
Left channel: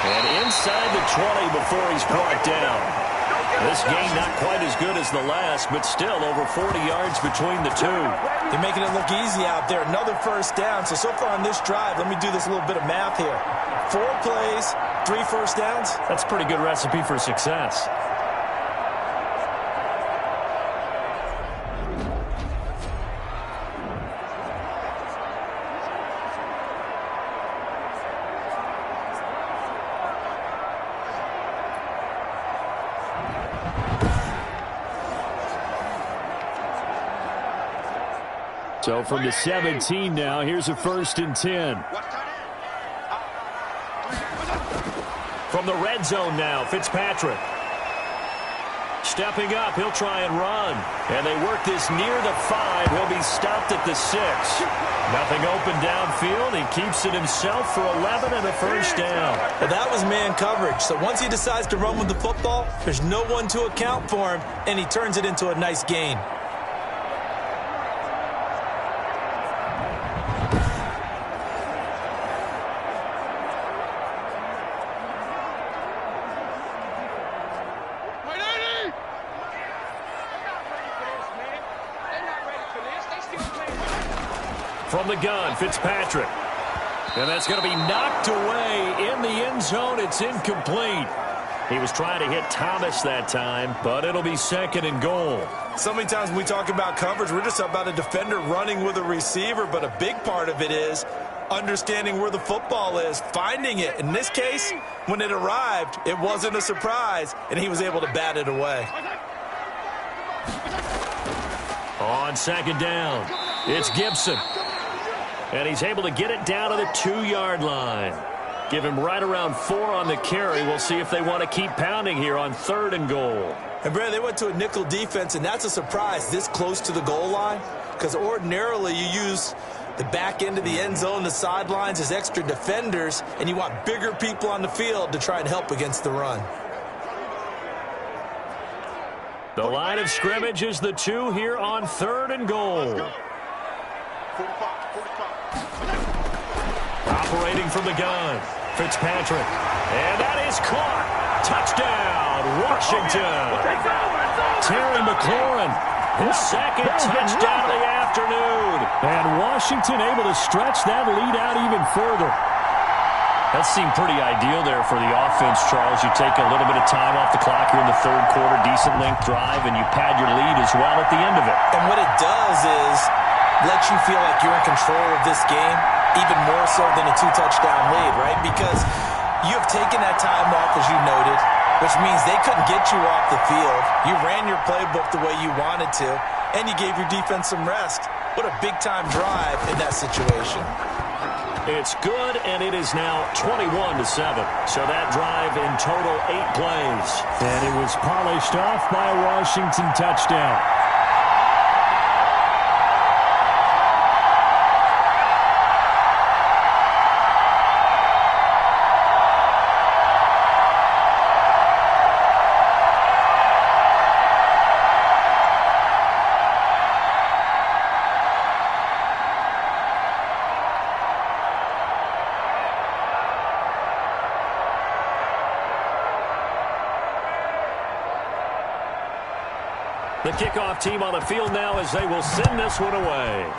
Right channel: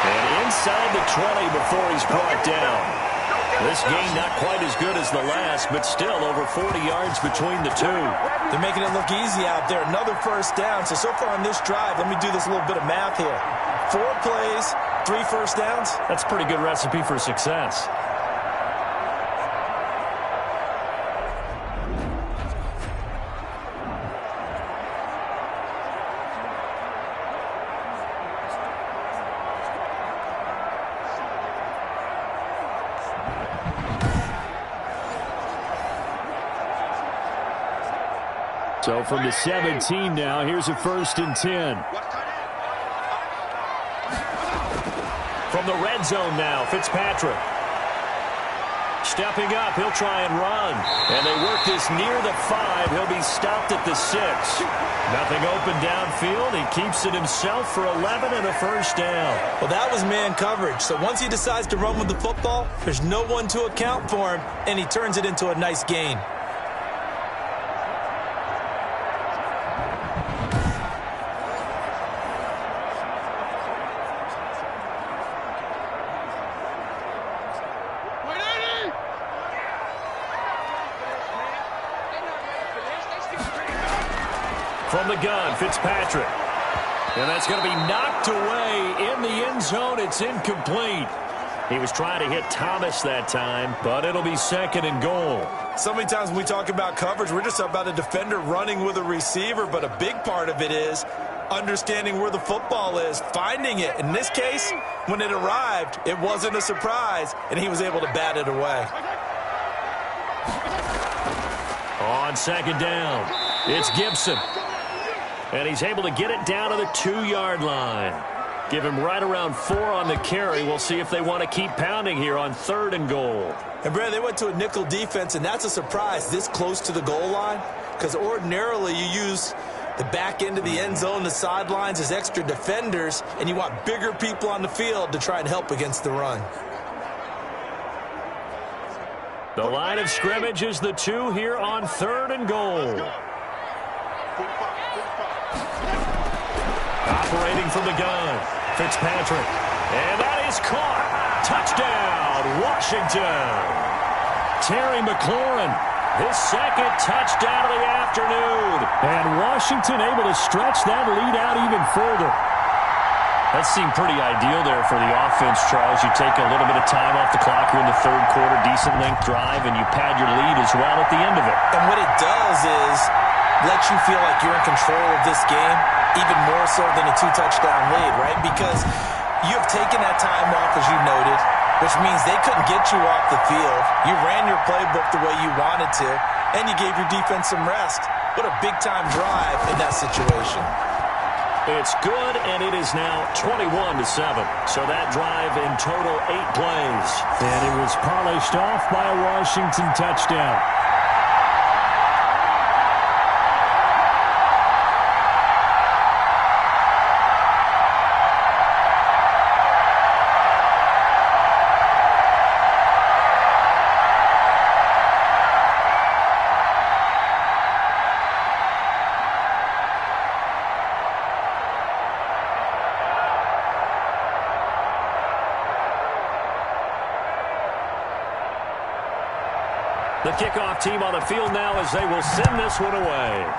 And inside the 20 before he's brought down. This game not quite as good as the last, but still over 40 yards between the two. They're making it look easy out there. Another first down. So far on this drive, let me do this little bit of math here. 4 plays, 3 first downs. That's a pretty good recipe for success. So from the 17 now, here's a 1st and 10. From the red zone now, Fitzpatrick. Stepping up, he'll try and run. And they work this near the 5. He'll be stopped at the 6. Nothing open downfield. He keeps it himself for 11 and a 1st down. Well, that was man coverage. So once he decides to run with the football, there's no one to account for him, and he turns it into a nice gain. From the gun, Fitzpatrick. And that's going to be knocked away in the end zone. It's incomplete. He was trying to hit Thomas that time, but it'll be 2nd and goal. So many times when we talk about coverage, we're just about a defender running with a receiver, but a big part of it is understanding where the football is, finding it. In this case, when it arrived, it wasn't a surprise, and he was able to bat it away. On 2nd down, it's Gibson. And he's able to get it down to the 2-yard line. Give him right around 4 on the carry. We'll see if they want to keep pounding here on 3rd and goal. And, Brad, they went to a nickel defense, and that's a surprise this close to the goal line, because ordinarily you use the back end of the end zone, the sidelines as extra defenders, and you want bigger people on the field to try and help against the run. The line of scrimmage is the 2 here on 3rd and goal. Operating from the gun, Fitzpatrick. And that is caught. Touchdown, Washington. Terry McLaurin, his 2nd touchdown of the afternoon. And Washington able to stretch that lead out even further. That seemed pretty ideal there for the offense, Charles. You take a little bit of time off the clock here in the 3rd quarter, decent length drive, and you pad your lead as well at the end of it. And what it does is let you feel like you're in control of this game, even more so than a 2-touchdown lead, right? Because you have taken that time off, as you noted, which means they couldn't get you off the field. You ran your playbook the way you wanted to, and you gave your defense some rest. What a big-time drive in that situation. It's good, and it is now 21-7. So that drive in total 8 plays. And it was polished off by a Washington touchdown. The kickoff team on the field now as they will send this one away.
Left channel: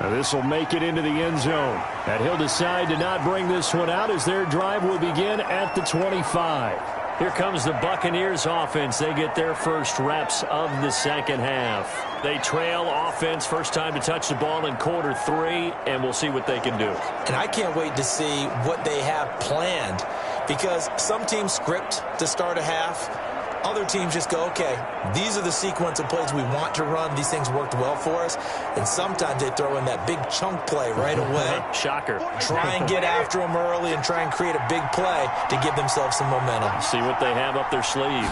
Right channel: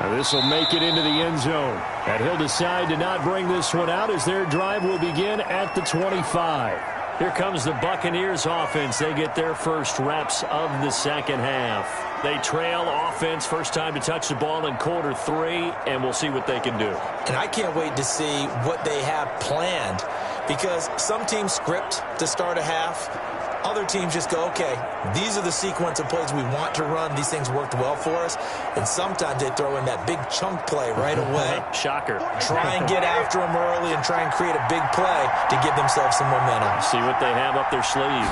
Now this will make it into the end zone. And he'll decide to not bring this one out as their drive will begin at the 25. Here comes the Buccaneers offense. They get their first reps of the 2nd half. They trail offense, first time to touch the ball in quarter 3, and we'll see what they can do. And I can't wait to see what they have planned, because some teams script to start a half. Other teams just go, okay, these are the sequence of plays we want to run. These things worked well for us. And sometimes they throw in that big chunk play right away. Shocker. Try and get after them early and try and create a big play to give themselves some momentum. See what they have up their sleeve.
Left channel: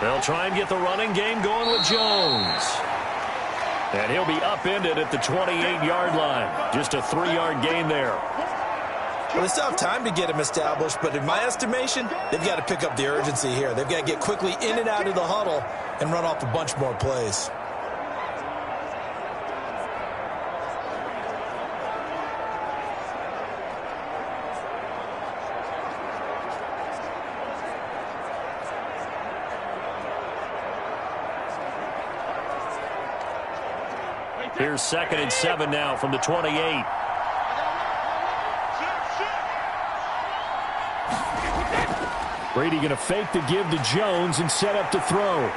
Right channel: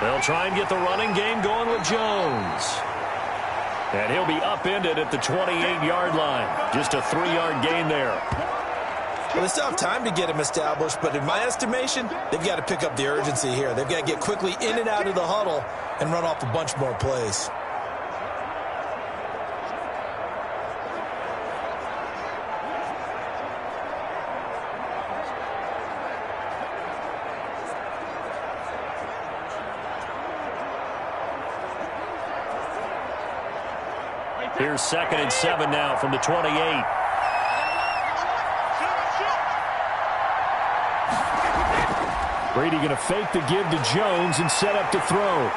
They'll try and get the running game going with Jones. And he'll be upended at the 28-yard line. Just a 3-yard gain there. Well, they still have time to get him established, but in my estimation, they've got to pick up the urgency here. They've got to get quickly in and out of the huddle and run off a bunch more plays. Here's 2nd and 7 now from the 28. Brady going to fake the give to Jones and set up to throw.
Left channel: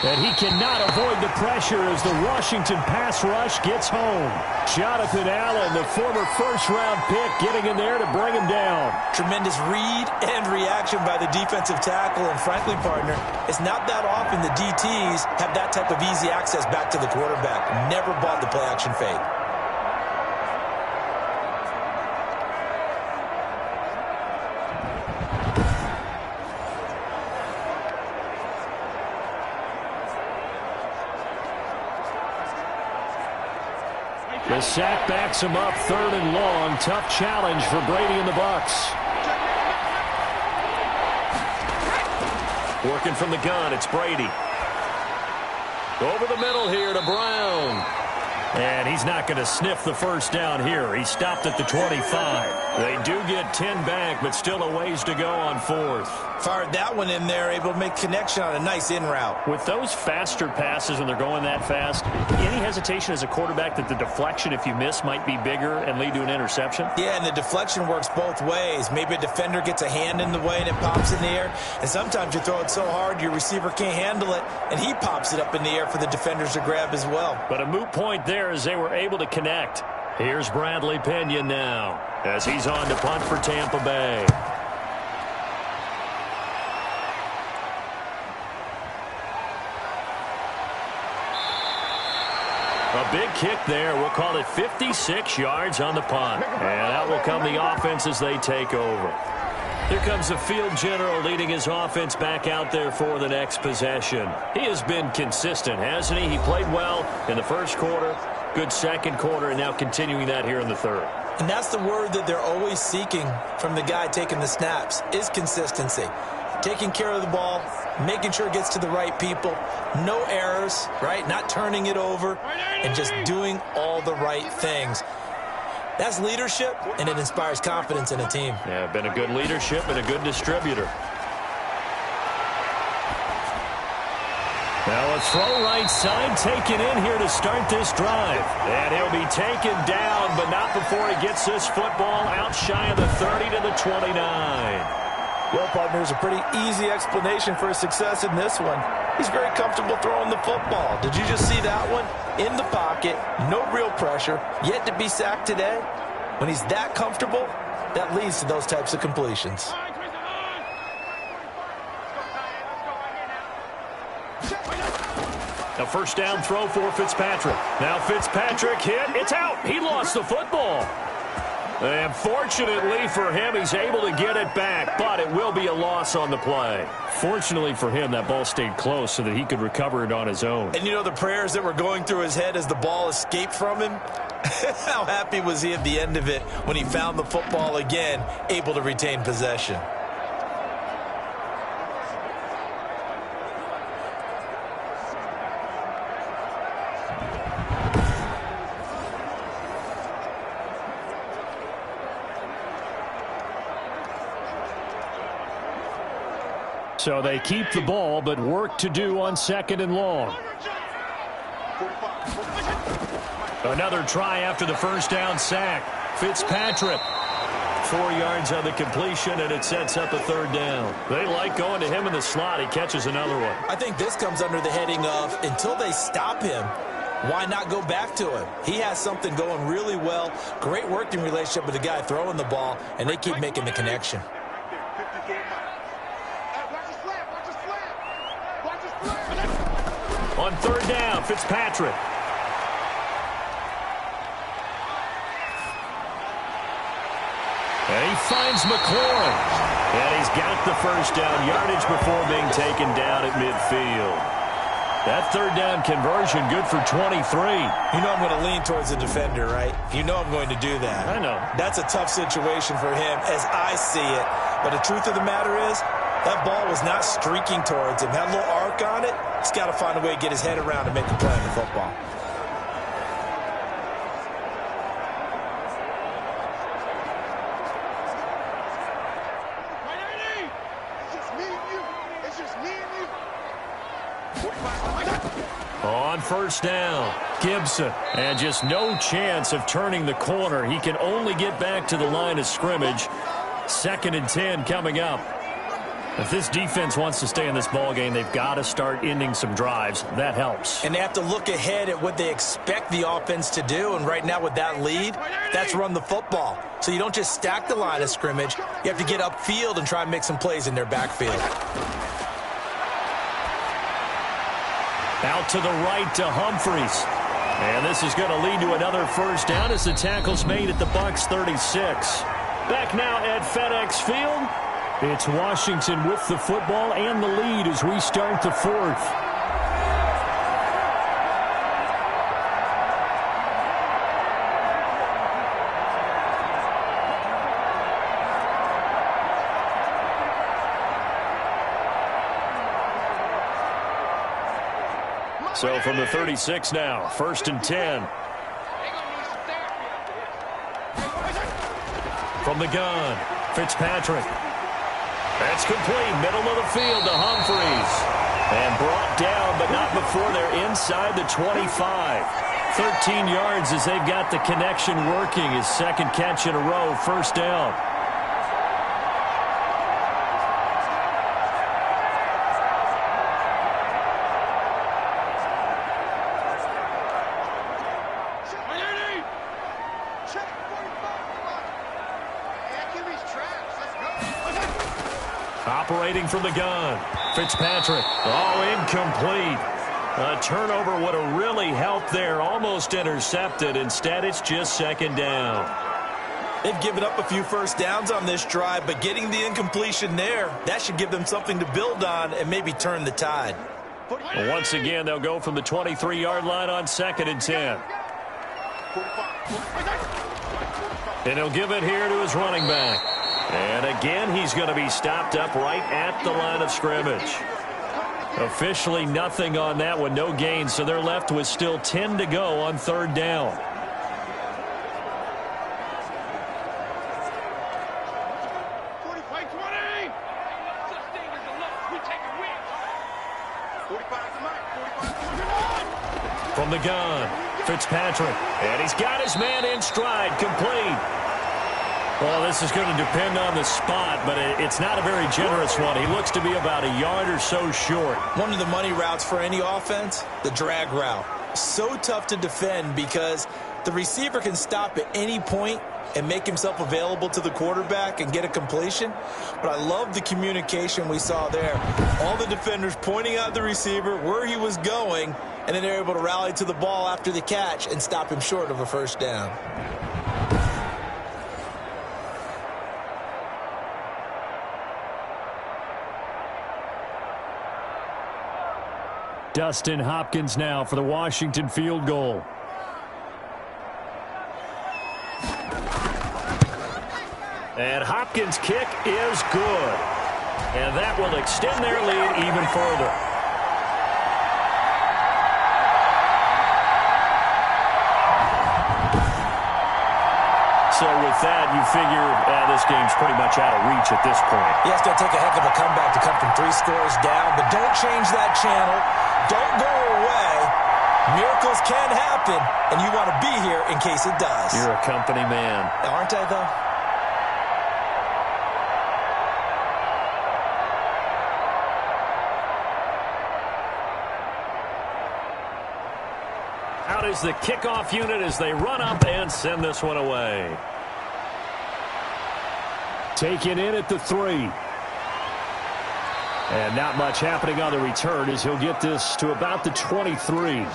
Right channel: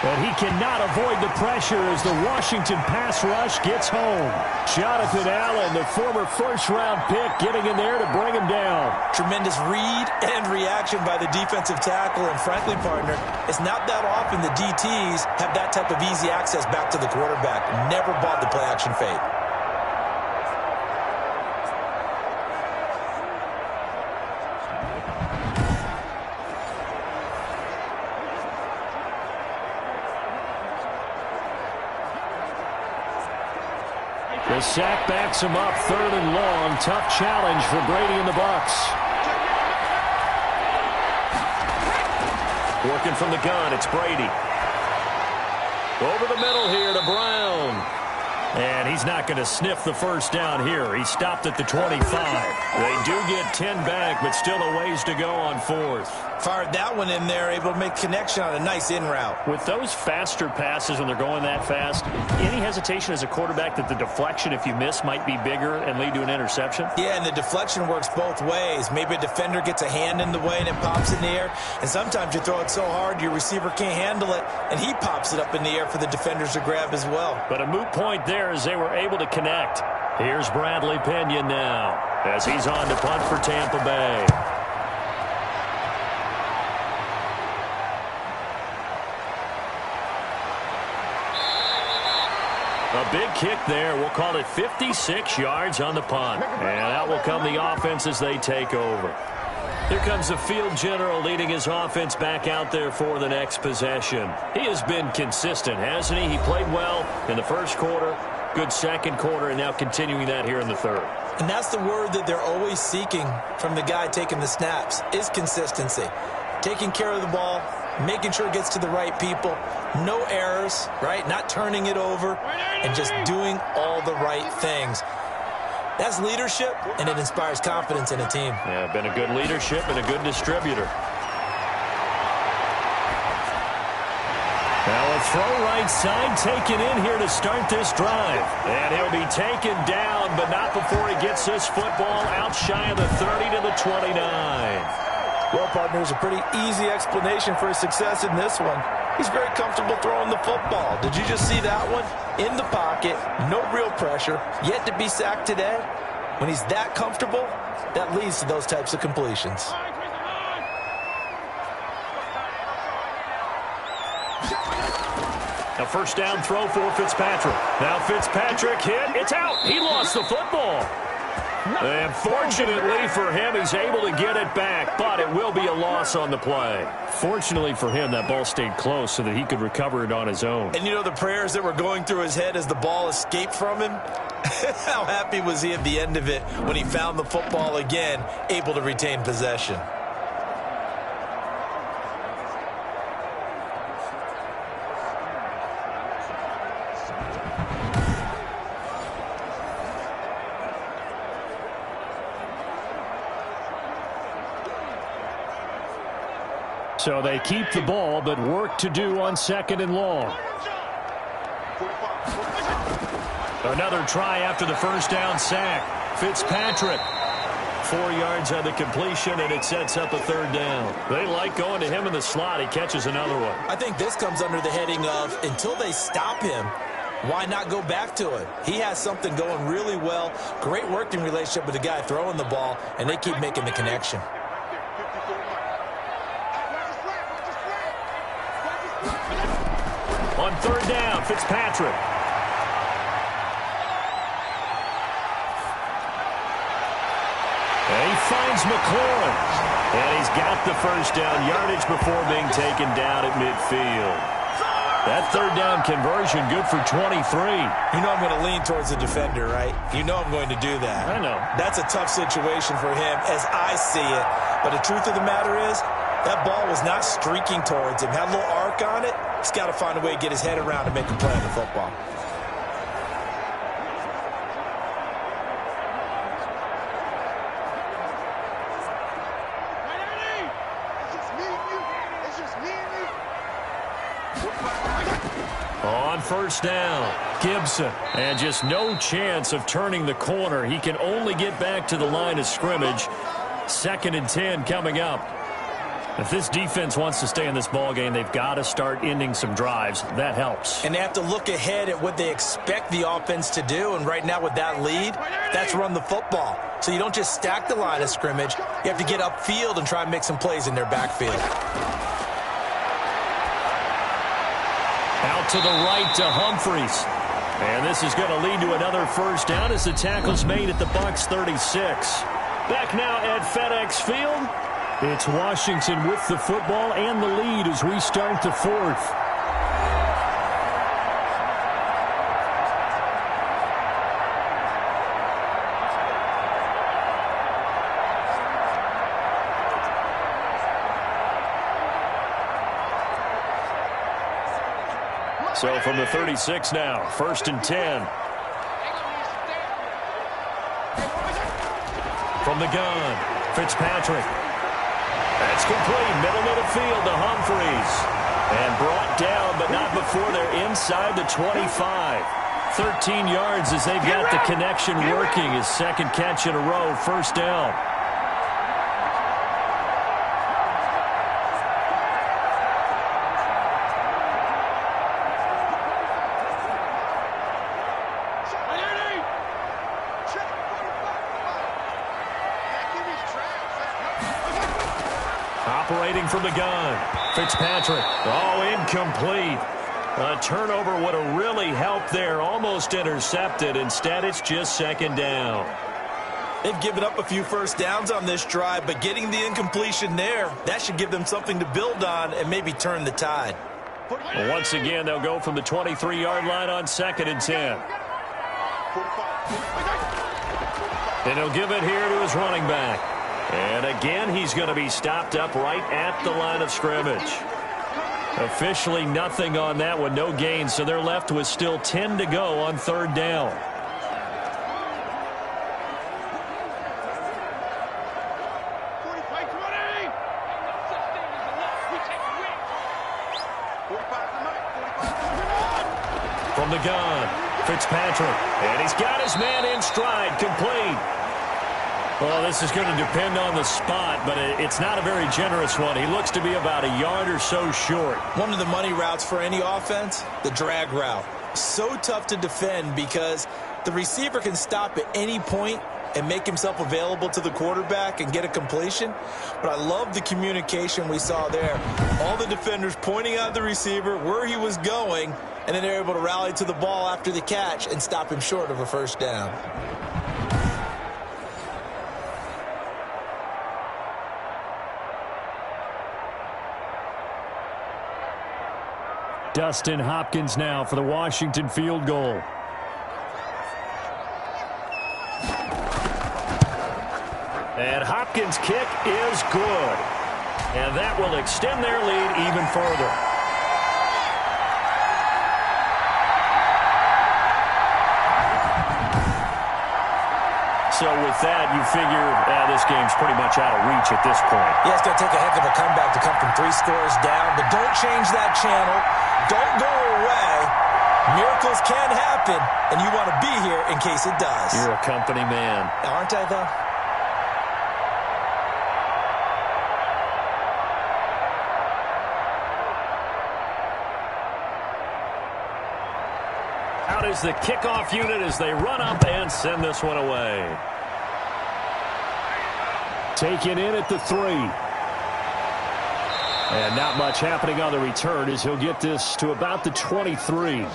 And he cannot avoid the pressure as the Washington pass rush gets home. Jonathan Allen, the former first-round pick, getting in there to bring him down. Tremendous read and reaction by the defensive tackle. And frankly, partner, it's not that often the DTs have that type of easy access back to the quarterback. Never bought the play-action fade. The sack backs him up, 3rd and long. Tough challenge for Brady and the Bucs. Working from the gun, it's Brady. Over the middle here to Brown. And he's not going to sniff the first down here. He stopped at the 25. They do get 10 back, but still a ways to go on 4th. Fired that one in there, able to make connection on a nice in route. With those faster passes when they're going that fast, any hesitation as a quarterback that the deflection, if you miss, might be bigger and lead to an interception? Yeah, and the deflection works both ways. Maybe a defender gets a hand in the way and it pops in the air. And sometimes you throw it so hard your receiver can't handle it, and he pops it up in the air for the defenders to grab as well. But a moot point there as they were able to connect. Here's Bradley Pinion now as he's on to punt for Tampa Bay. A big kick there. We'll call it 56 yards on the punt. And that will come the offense as they take over. Here comes the field general leading his offense back out there for the next possession. He has been consistent, hasn't he? He played well in the first quarter, good second quarter, and now continuing that here in the third. And that's the word that they're always seeking from the guy taking the snaps, is consistency. Taking care of the ball, making sure it gets to the right people, no errors, right? Not turning it over, and just doing all the right things. That's leadership, and it inspires confidence in a team. Yeah, been a good leadership and a good distributor. Now a throw right side taken in here to start this drive. And he'll be taken down, but not before he gets this football out shy of the 30 to the 29. Well, partner, there's a pretty easy explanation for his success in this one. He's very comfortable throwing the football. Did you just see that one? In the pocket, no real pressure, yet to be sacked today. When he's that comfortable, that leads to those types of completions. A first down throw for Fitzpatrick. Now Fitzpatrick hit. It's out. He lost the football. And fortunately for him, he's able to get it back, but it will be a loss on the play. Fortunately for him, that ball stayed close so that he could recover it on his own. And you know the prayers that were going through his head as the ball escaped from him? How happy was he at the end of it when he found the football again, able to retain possession? So they keep the ball, but work to do on 2nd and long. Another try after the first down sack. Fitzpatrick. 4 yards on the completion, and it sets up a 3rd down. They like going to him in the slot. He catches another one. I think this comes under the heading of, until they stop him, why not go back to him? He has something going really well. Great working relationship with the guy throwing the ball, and they keep making the connection. On 3rd down, Fitzpatrick. And he finds McLaurin. And he's got the first down yardage before being taken down at midfield. That 3rd down conversion good for 23. You know I'm going to lean towards the defender, right? You know I'm going to do that. I know. That's a tough situation for him as I see it. But the truth of the matter is, that ball was not streaking towards him. Had a little arc on it. He's got to find a way to get his head around and make a play on the football. On 1st down, Gibson. And just no chance of turning the corner. He can only get back to the line of scrimmage. 2nd and 10 coming up. If this defense wants to stay in this ball game, they've got to start ending some drives. That helps. And they have to look ahead at what they expect the offense to do. And right now with that lead, that's run the football. So you don't just stack the line of scrimmage. You have to get upfield and try and make some plays in their backfield. Out to the right to Humphries. And this is going to lead to another first down as the tackle's made at the Bucs 36. Back now at FedEx Field. It's Washington with the football and the lead as we start the fourth. So from the 36 now, 1st and 10. From the gun, Fitzpatrick. That's complete, middle of the field to Humphries. And brought down, but not before they're inside the 25. 13 yards as they've got the connection working. His second catch in a row, first down. Operating from the gun, Fitzpatrick. Oh, incomplete. A turnover would have really helped there. Almost intercepted. Instead, it's just second down. They've given up a few first downs on this drive, but getting the incompletion there, that should give them something to build on and maybe turn the tide. Well, once again, they'll go from the 23-yard line on 2nd and 10. And he'll give it here to his running back. And again, he's going to be stopped up right at the line of scrimmage. Officially nothing on that one, no gain, so they're left with still 10 to go on 3rd down. From the gun, Fitzpatrick. And he's got his man in stride, complete. Well, this is going to depend on the spot, but it's not a very generous one. He looks to be about a yard or so short. One of the money routes for any offense, the drag route. So tough to defend because the receiver can stop at any point and make himself available to the quarterback and get a completion. But I love the communication we saw there. All the defenders pointing out the receiver, where he was going, and then they're able to rally to the ball after the catch and stop him short of a first down. Dustin Hopkins now for the Washington field goal. And Hopkins' kick is good. And that will extend their lead even further. So with that, you figure this game's pretty much out of reach at this point. Yeah, it's going to take a heck of a comeback to come from 3 scores down, but don't change that channel. Don't go away. Miracles can happen, and you want to be here in case it does. You're a company man. Aren't I, though? Out is the kickoff unit as they run up and send this one away. Taken in at the 3. And not much happening on the return as he'll get this to about the 23.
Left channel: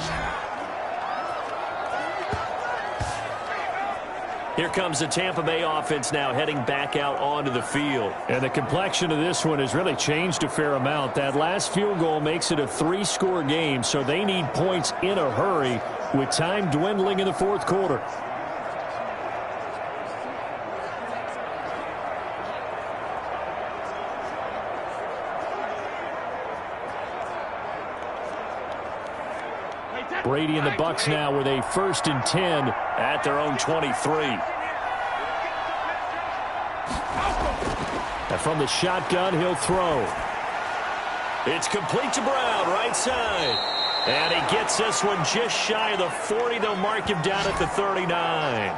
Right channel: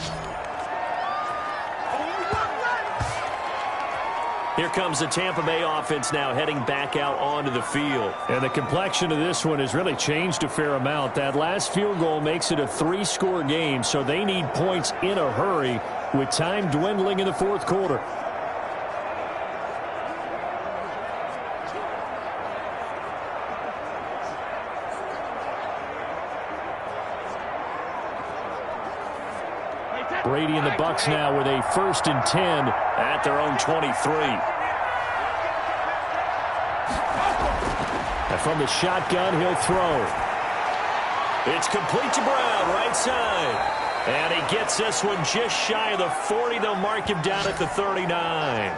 Here comes the Tampa Bay offense now heading back out onto the field. And the complexion of this one has really changed a fair amount. That last field goal makes it a 3-score game, so they need points in a hurry with time dwindling in the 4th quarter. Brady and the Bucs now with a 1st and 10 at their own 23. And from the shotgun, he'll throw. It's complete to Brown, right side. And he gets this one just shy of the 40. They'll mark him down at the 39.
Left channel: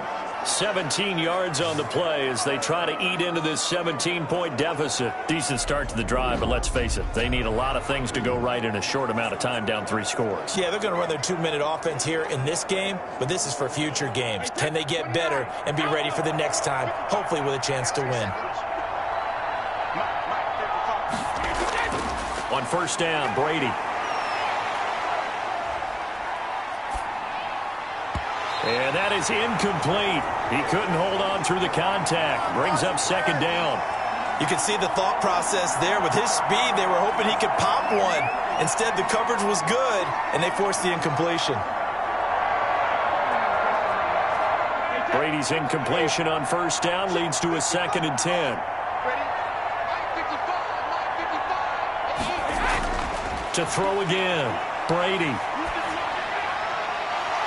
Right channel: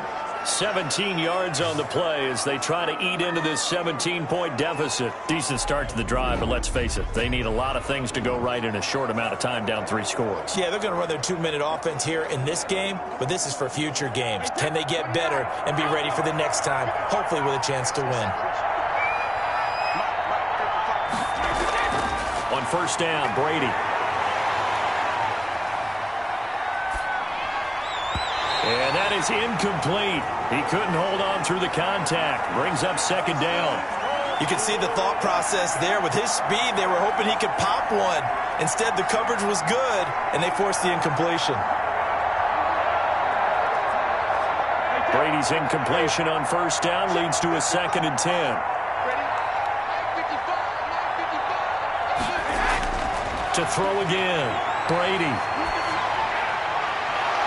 17 yards on the play as they try to eat into this 17-point deficit. Decent start to the drive, but let's face it, they need a lot of things to go right in a short amount of time, down 3 scores. Yeah, they're going to run their 2-minute offense here in this game, but this is for future games. Can they get better and be ready for the next time, hopefully with a chance to win? On first down, Brady. And that is incomplete. He couldn't hold on through the contact. Brings up second down. You can see the thought process there. With his speed, they were hoping he could pop one. Instead, the coverage was good, and they forced the incompletion. Brady's incompletion on first down leads to a 2nd and 10. To throw again, Brady.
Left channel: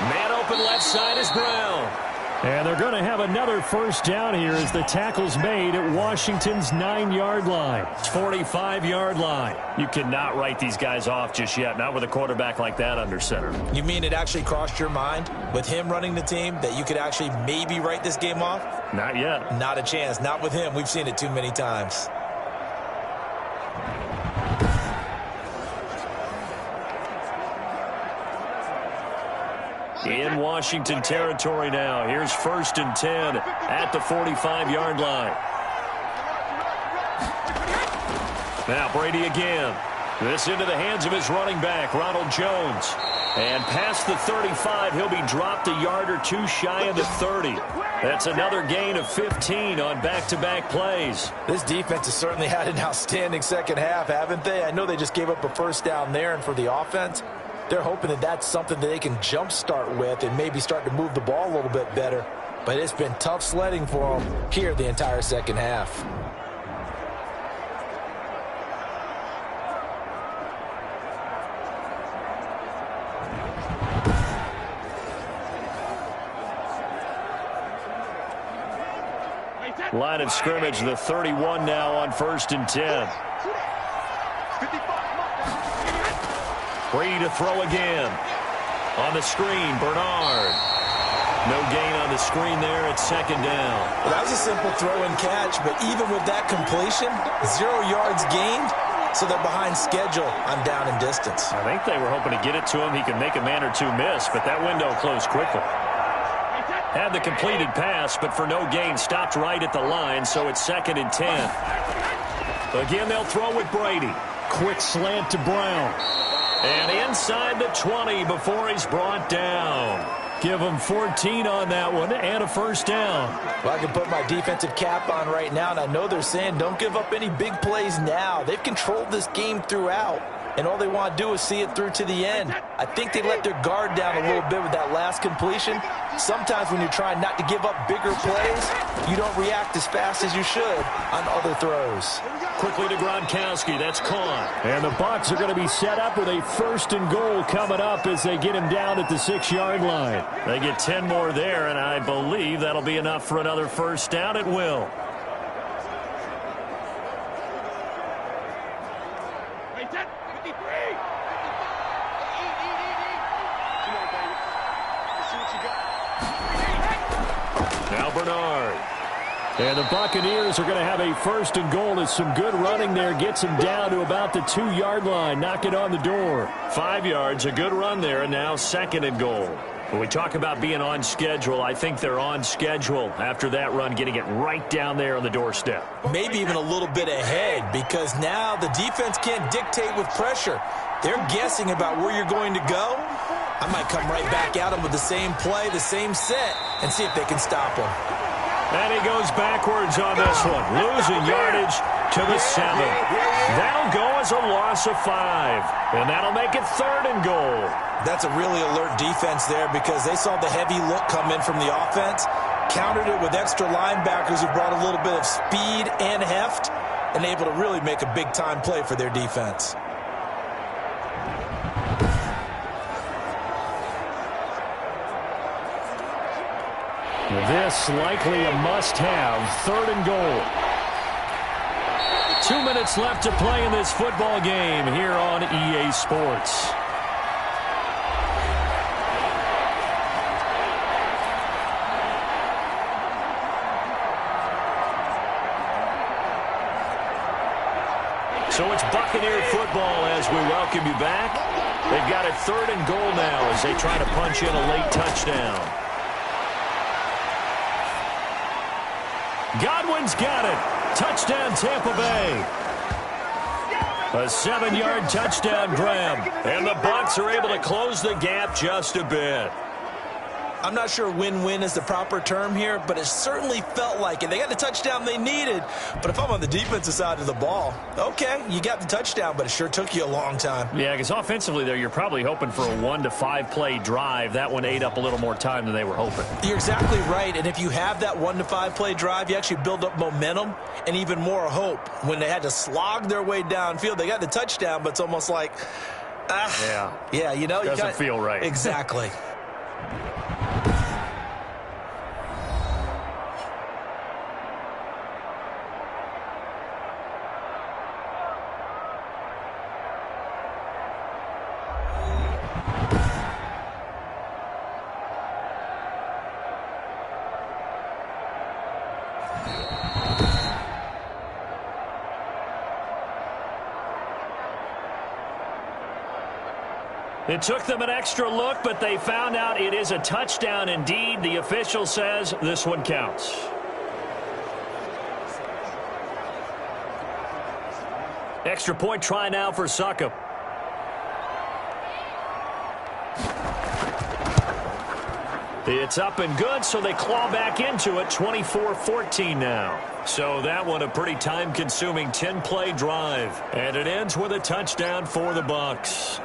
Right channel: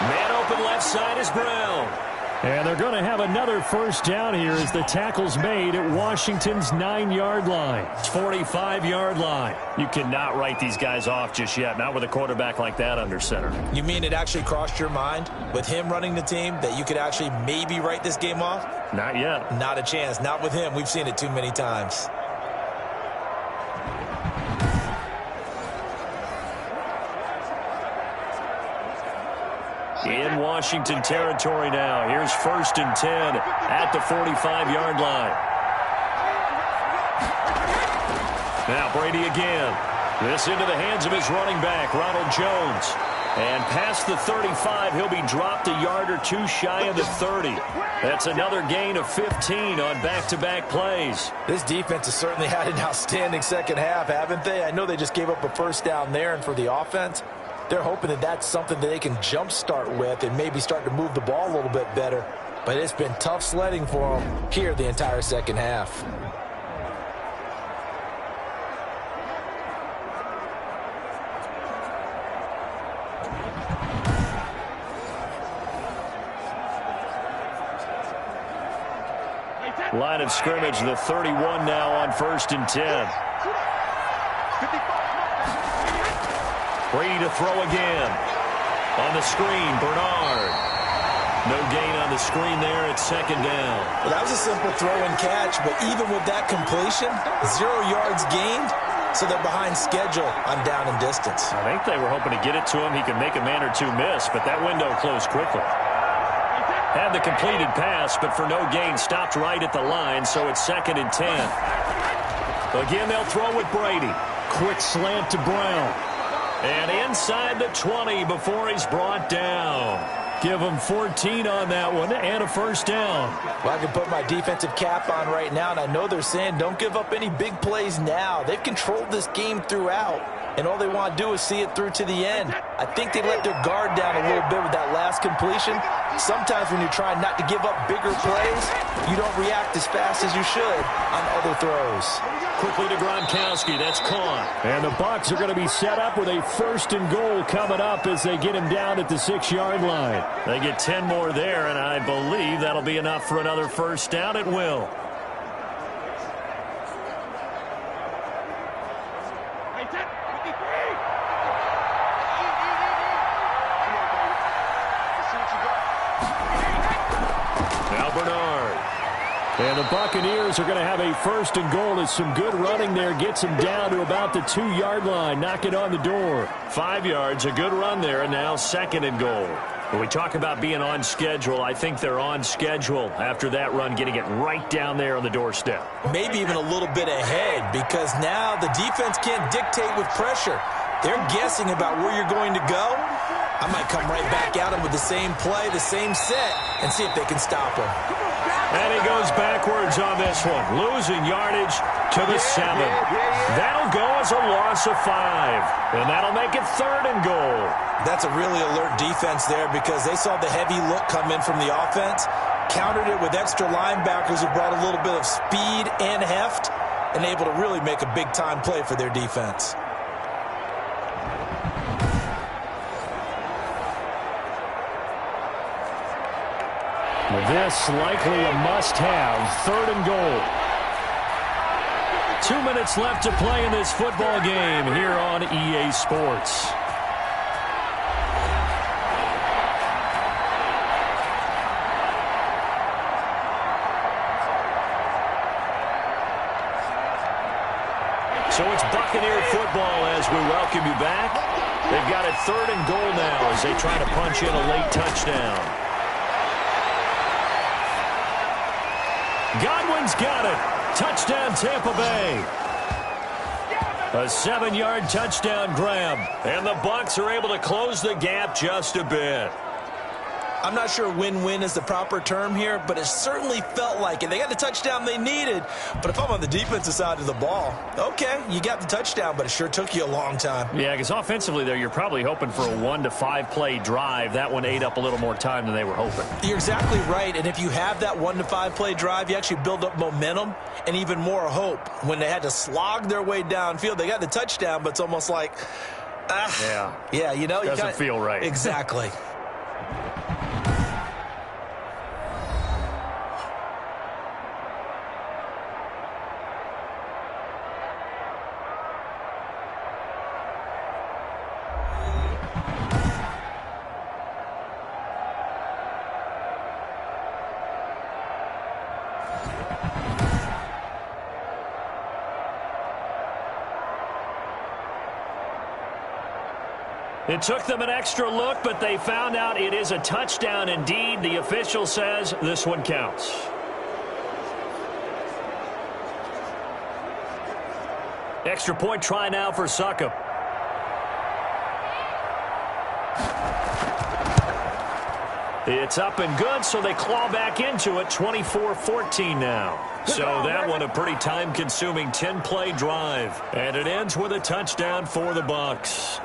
Man open left side is Brown. And they're going to have another first down here as the tackle's made at Washington's 9-yard line. 45-yard line. You cannot write these guys off just yet, not with a quarterback like that under center. You mean it actually crossed your mind with him running the team that you could actually maybe write this game off? Not yet. Not a chance. Not with him. We've seen it too many times. In Washington territory now. Here's 1st and 10 at the 45-yard line. Now Brady again. This into the hands of his running back, Ronald Jones. And past the 35, he'll be dropped a yard or two shy of the 30. That's another gain of 15 on back-to-back plays. This defense has certainly had an outstanding second half, haven't they? I know they just gave up a first down there, and for the offense, they're hoping that that's something that they can jumpstart with and maybe start to move the ball a little bit better. But it's been tough sledding for them here the entire second half. Line of scrimmage, the 31 now on 1st and 10. Brady to throw again. On the screen, Bernard. No gain on the screen there at 2nd down. Well, that was a simple throw and catch, but even with that completion, 0 yards gained, so they're behind schedule on down and distance. I think they were hoping to get it to him. He could make a man or two miss, but that window closed quickly. Had the completed pass, but for no gain, stopped right at the line, so it's 2nd and 10. Again, they'll throw with Brady. Quick slant to Brown. And inside the 20 before he's brought down. Give him 14 on that one and a first down. Well, I can put my defensive cap on right now, and I know they're saying don't give up any big plays now. They've controlled this game throughout, and all they want to do is see it through to the end. I think they let their guard down a little bit with that last completion. Sometimes when you're trying not to give up bigger plays, you don't react as fast as you should on other throws. Quickly to Gronkowski. That's caught. And the Bucs are going to be set up with a 1st and goal coming up as they get him down at the 6-yard line. They get 10 more there, and I believe that'll be enough for another first down. It will. Now Bernard. And the Buccaneers are going to have a 1st and goal as some good running there gets them down to about the 2-yard line. Knock it on the door. 5 yards, a good run there, and now 2nd and goal. When we talk about being on schedule, I think they're on schedule after that run, getting it right down there on the doorstep. Maybe even a little bit ahead, because now the defense can't dictate with pressure. They're guessing about where you're going to go. I might come right back at them with the same play, the same set, and see if they can stop them. And he goes backwards on this one, losing yardage to the 7. That'll go as a loss of 5, and that'll make it 3rd and goal. That's a really alert defense there because they saw the heavy look come in from the offense, countered it with extra linebackers who brought a little bit of speed and heft, and able to really make a big-time play for their defense. This likely a must-have, 3rd and goal. 2 minutes left to play in this football game here on EA Sports. So it's Buccaneer football as we welcome you back. They've got a 3rd and goal now as they try to punch in a late touchdown. Godwin's got it. Touchdown, Tampa Bay. A 7-yard touchdown grab. And the Bucs are able to close the gap just a bit. I'm not sure win-win is the proper term here, but it certainly felt like it. They got the touchdown they needed, but if I'm on the defensive side of the ball, okay, you got the touchdown, but it sure took you a long time. Yeah, because offensively there, you're probably hoping for a 1 to 5 play drive. That one ate up a little more time than they were hoping. You're exactly right, and if you have that 1 to 5 play drive, you actually build up momentum and even more hope. When they had to slog their way downfield, they got the touchdown, but it's almost like, yeah, you know. Doesn't feel right. Exactly. It took them an extra look, but they found out it is a touchdown indeed. The official says this one counts. Extra point try now for Succop. It's up and good, so they claw back into it, 24-14 now. So that one a pretty time-consuming 10-play drive. And it ends with a touchdown for the Bucs.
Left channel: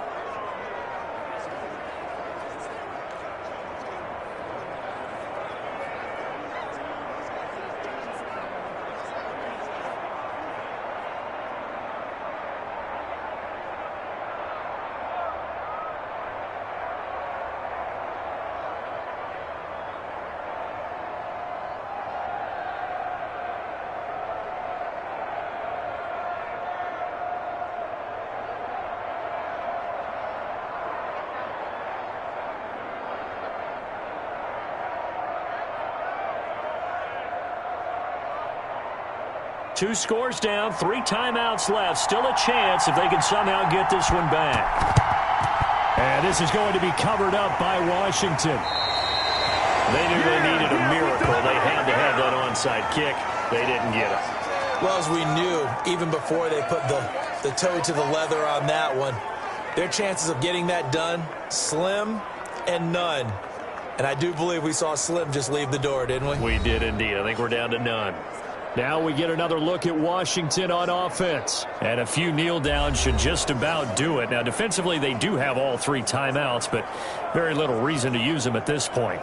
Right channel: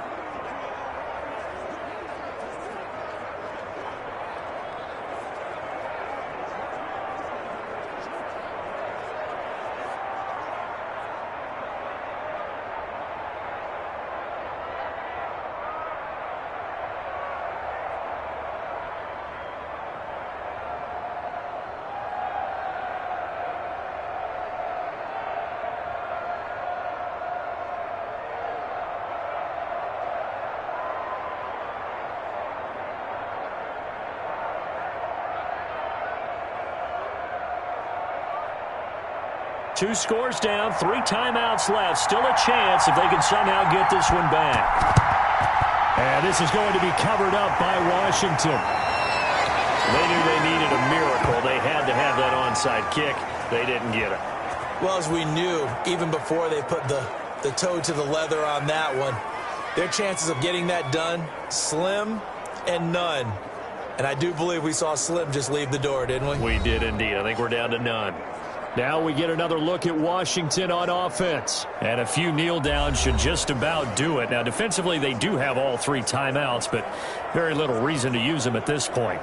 Two scores down, 3 timeouts left. Still a chance if they can somehow get this one back. And this is going to be covered up by Washington. They knew they needed a miracle. They had to have that onside kick. They didn't get it. Well, as we knew, even before they put the toe to the leather on that one, their chances of getting that done, slim and none. And I do believe we saw Slim just leave the door, didn't we? We did indeed. I think we're down to none. Now we get another look at Washington on offense. And a few kneel downs should just about do it. Now, defensively, they do have all 3 timeouts, but very little reason to use them at this point.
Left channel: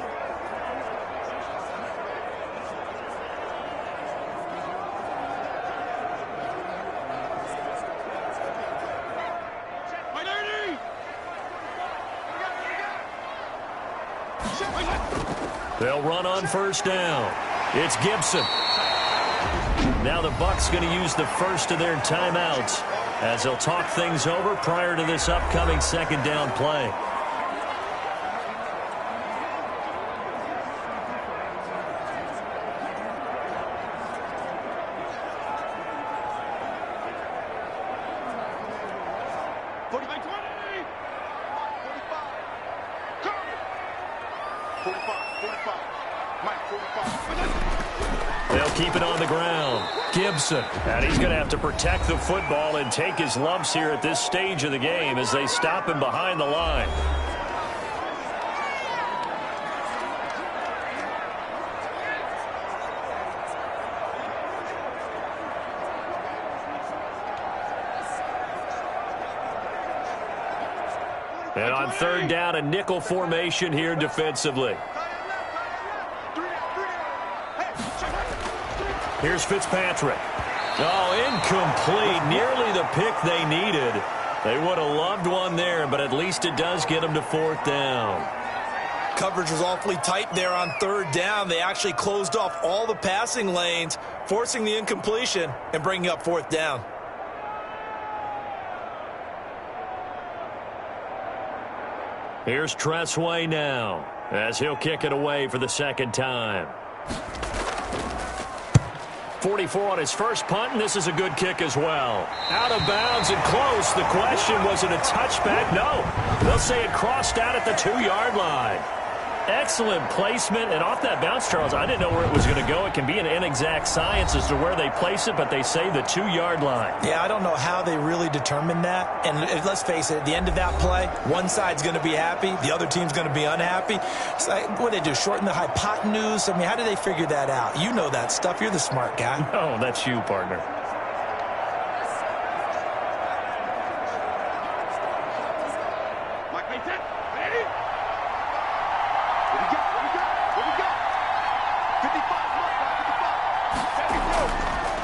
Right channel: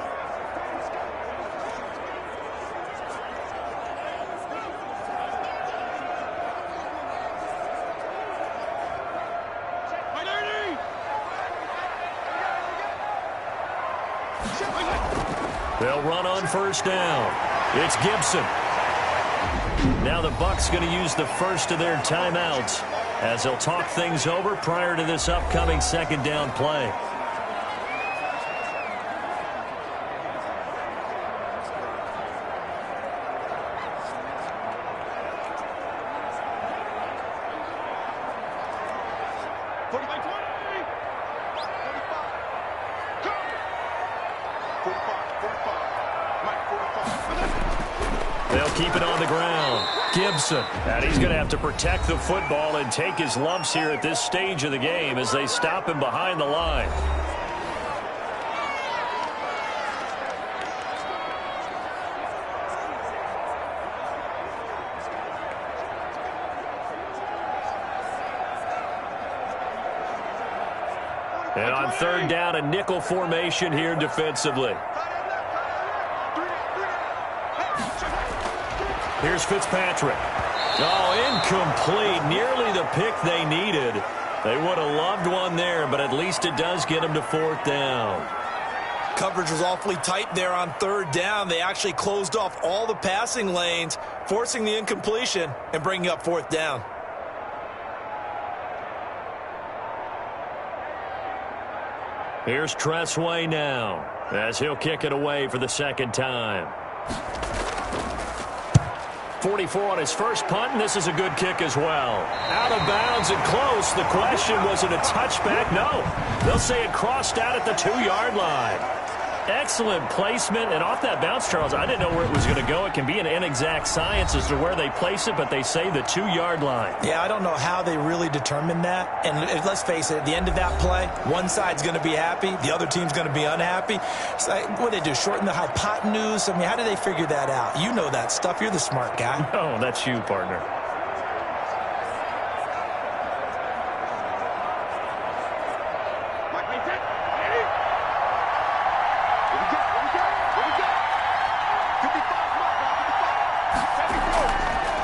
They'll run on first down. It's Gibson. Now the Bucs going to use the first of their timeouts as they'll talk things over prior to this upcoming 2nd down play. They'll keep it on the ground. Gibson. And he's going to have to protect the football and take his lumps here at this stage of the game as they stop him behind the line. And on 3rd down, a nickel formation here defensively. Here's Fitzpatrick. Oh, incomplete. Nearly the pick they needed. They would have loved one there, but at least it does get them to 4th down. Coverage was awfully tight there on 3rd down. They actually closed off all the passing lanes, forcing the incompletion and bringing up 4th down. Here's Tressway now as he'll kick it away for the 2nd time. 44 on his first punt, and this is a good kick as well. Out of bounds and close. The question, was it a touchback? No. They'll say it crossed out at the 2-yard line. Excellent placement, and off that bounce, Charles, I didn't know where it was going to go. It can be an inexact science as to where they place it, but they say the 2-yard line. Yeah, I don't know how they really determined that. And let's face it, at the end of that play, one side's going to be happy, the other team's going to be unhappy. It's like, what do they do, shorten the hypotenuse? I mean, how do they figure that out? You know that stuff. You're the smart guy. No, that's you, partner.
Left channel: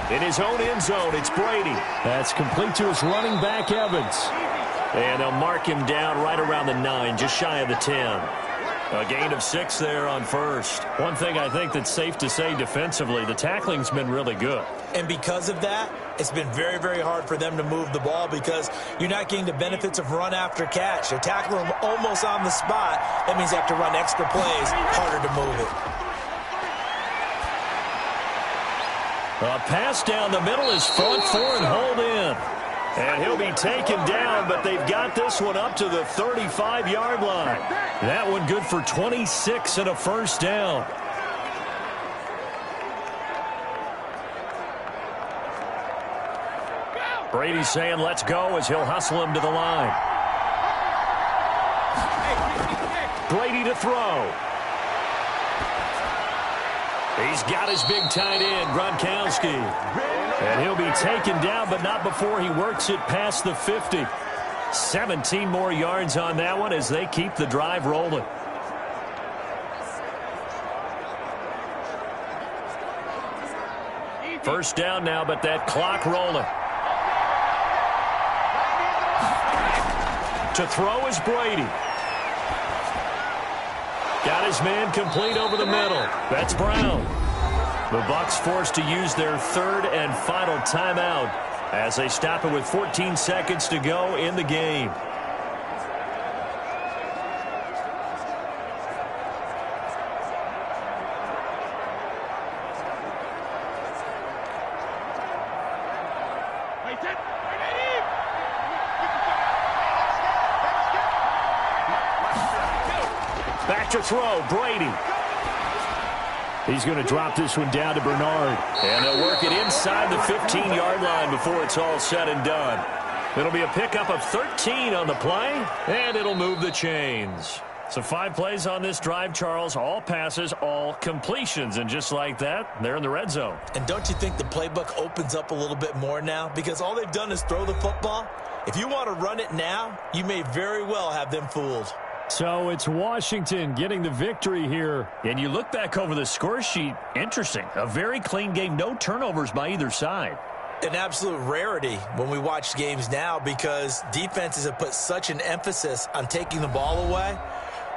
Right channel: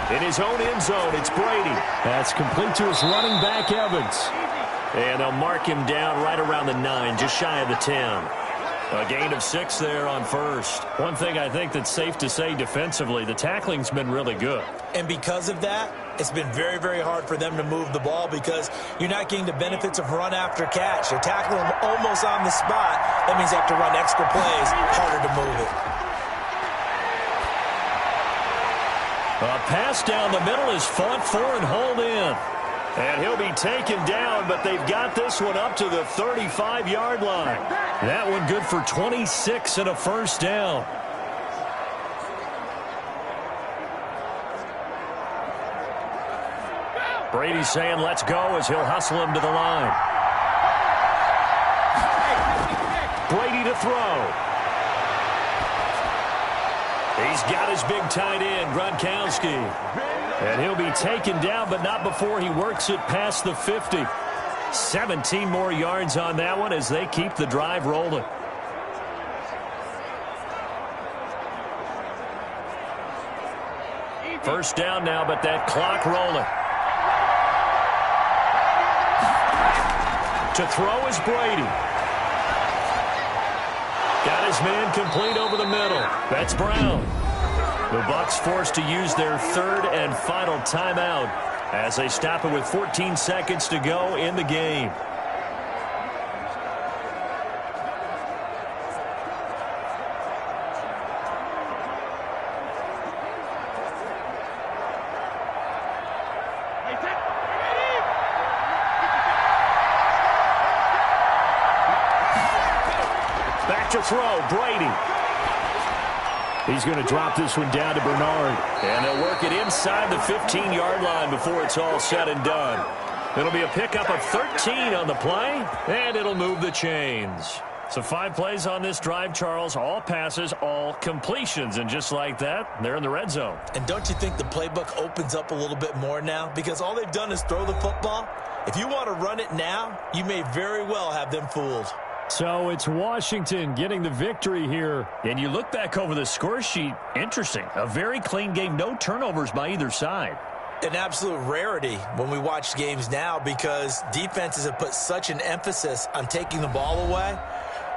In his own end zone, it's Brady. That's complete to his running back, Evans. And they'll mark him down right around the 9, just shy of the 10. A gain of 6 there on first. One thing I think that's safe to say defensively, the tackling's been really good. And because of that, it's been very, very hard for them to move the ball because you're not getting the benefits of run after catch. They're tackling them almost on the spot. That means they have to run extra plays, harder to move it. A pass down the middle is fought for and hauled in. And he'll be taken down, but they've got this one up to the 35-yard line. That one good for 26 and a first down. Brady's saying let's go as he'll hustle him to the line. Brady to throw. He's got his big tight end, Gronkowski. And he'll be taken down, but not before he works it past the 50. 17 more yards on that one as they keep the drive rolling. First down now, but that clock rolling. To throw is Brady. Got his man complete over the middle. That's Brown. The Bucs forced to use their third and final timeout as they stop it with 14 seconds to go in the game. Back to throw, Brady. He's going to drop this one down to Bernard. And they'll work it inside the 15-yard line before it's all said and done. It'll be a pickup of 13 on the play, and it'll move the chains. So 5 plays on this drive, Charles. All passes, all completions. And just like that, they're in the red zone. And don't you think the playbook opens up a little bit more now? Because all they've done is throw the football. If you want to run it now, you may very well have them fooled. So it's Washington getting the victory here. And you look back over the score sheet, interesting. A very clean game, no turnovers by either side. An absolute rarity when we watch games now because defenses have put such an emphasis on taking the ball away.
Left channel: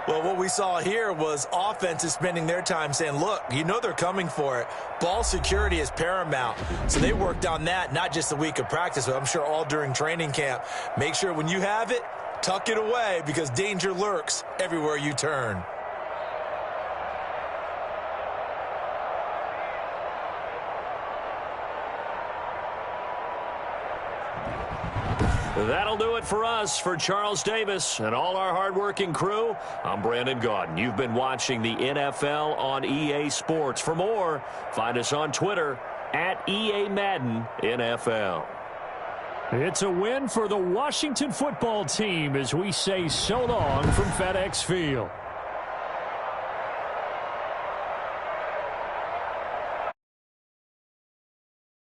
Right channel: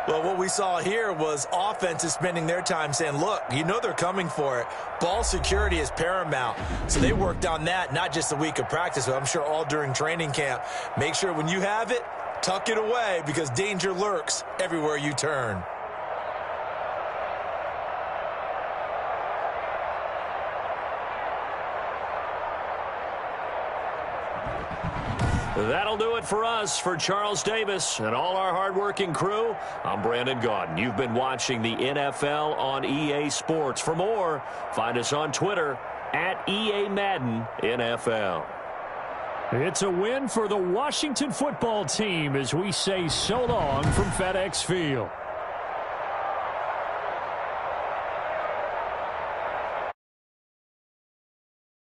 Well, what we saw here was offenses spending their time saying, look, you know they're coming for it. Ball security is paramount. So they worked on that, not just a week of practice, but I'm sure all during training camp. Make sure when you have it, tuck it away because danger lurks everywhere you turn. That'll do it for us. For Charles Davis and all our hardworking crew, I'm Brandon Gaudin. You've been watching the NFL on EA Sports. For more, find us on Twitter at EA Madden NFL. It's a win for the Washington football team as we say so long from FedEx Field.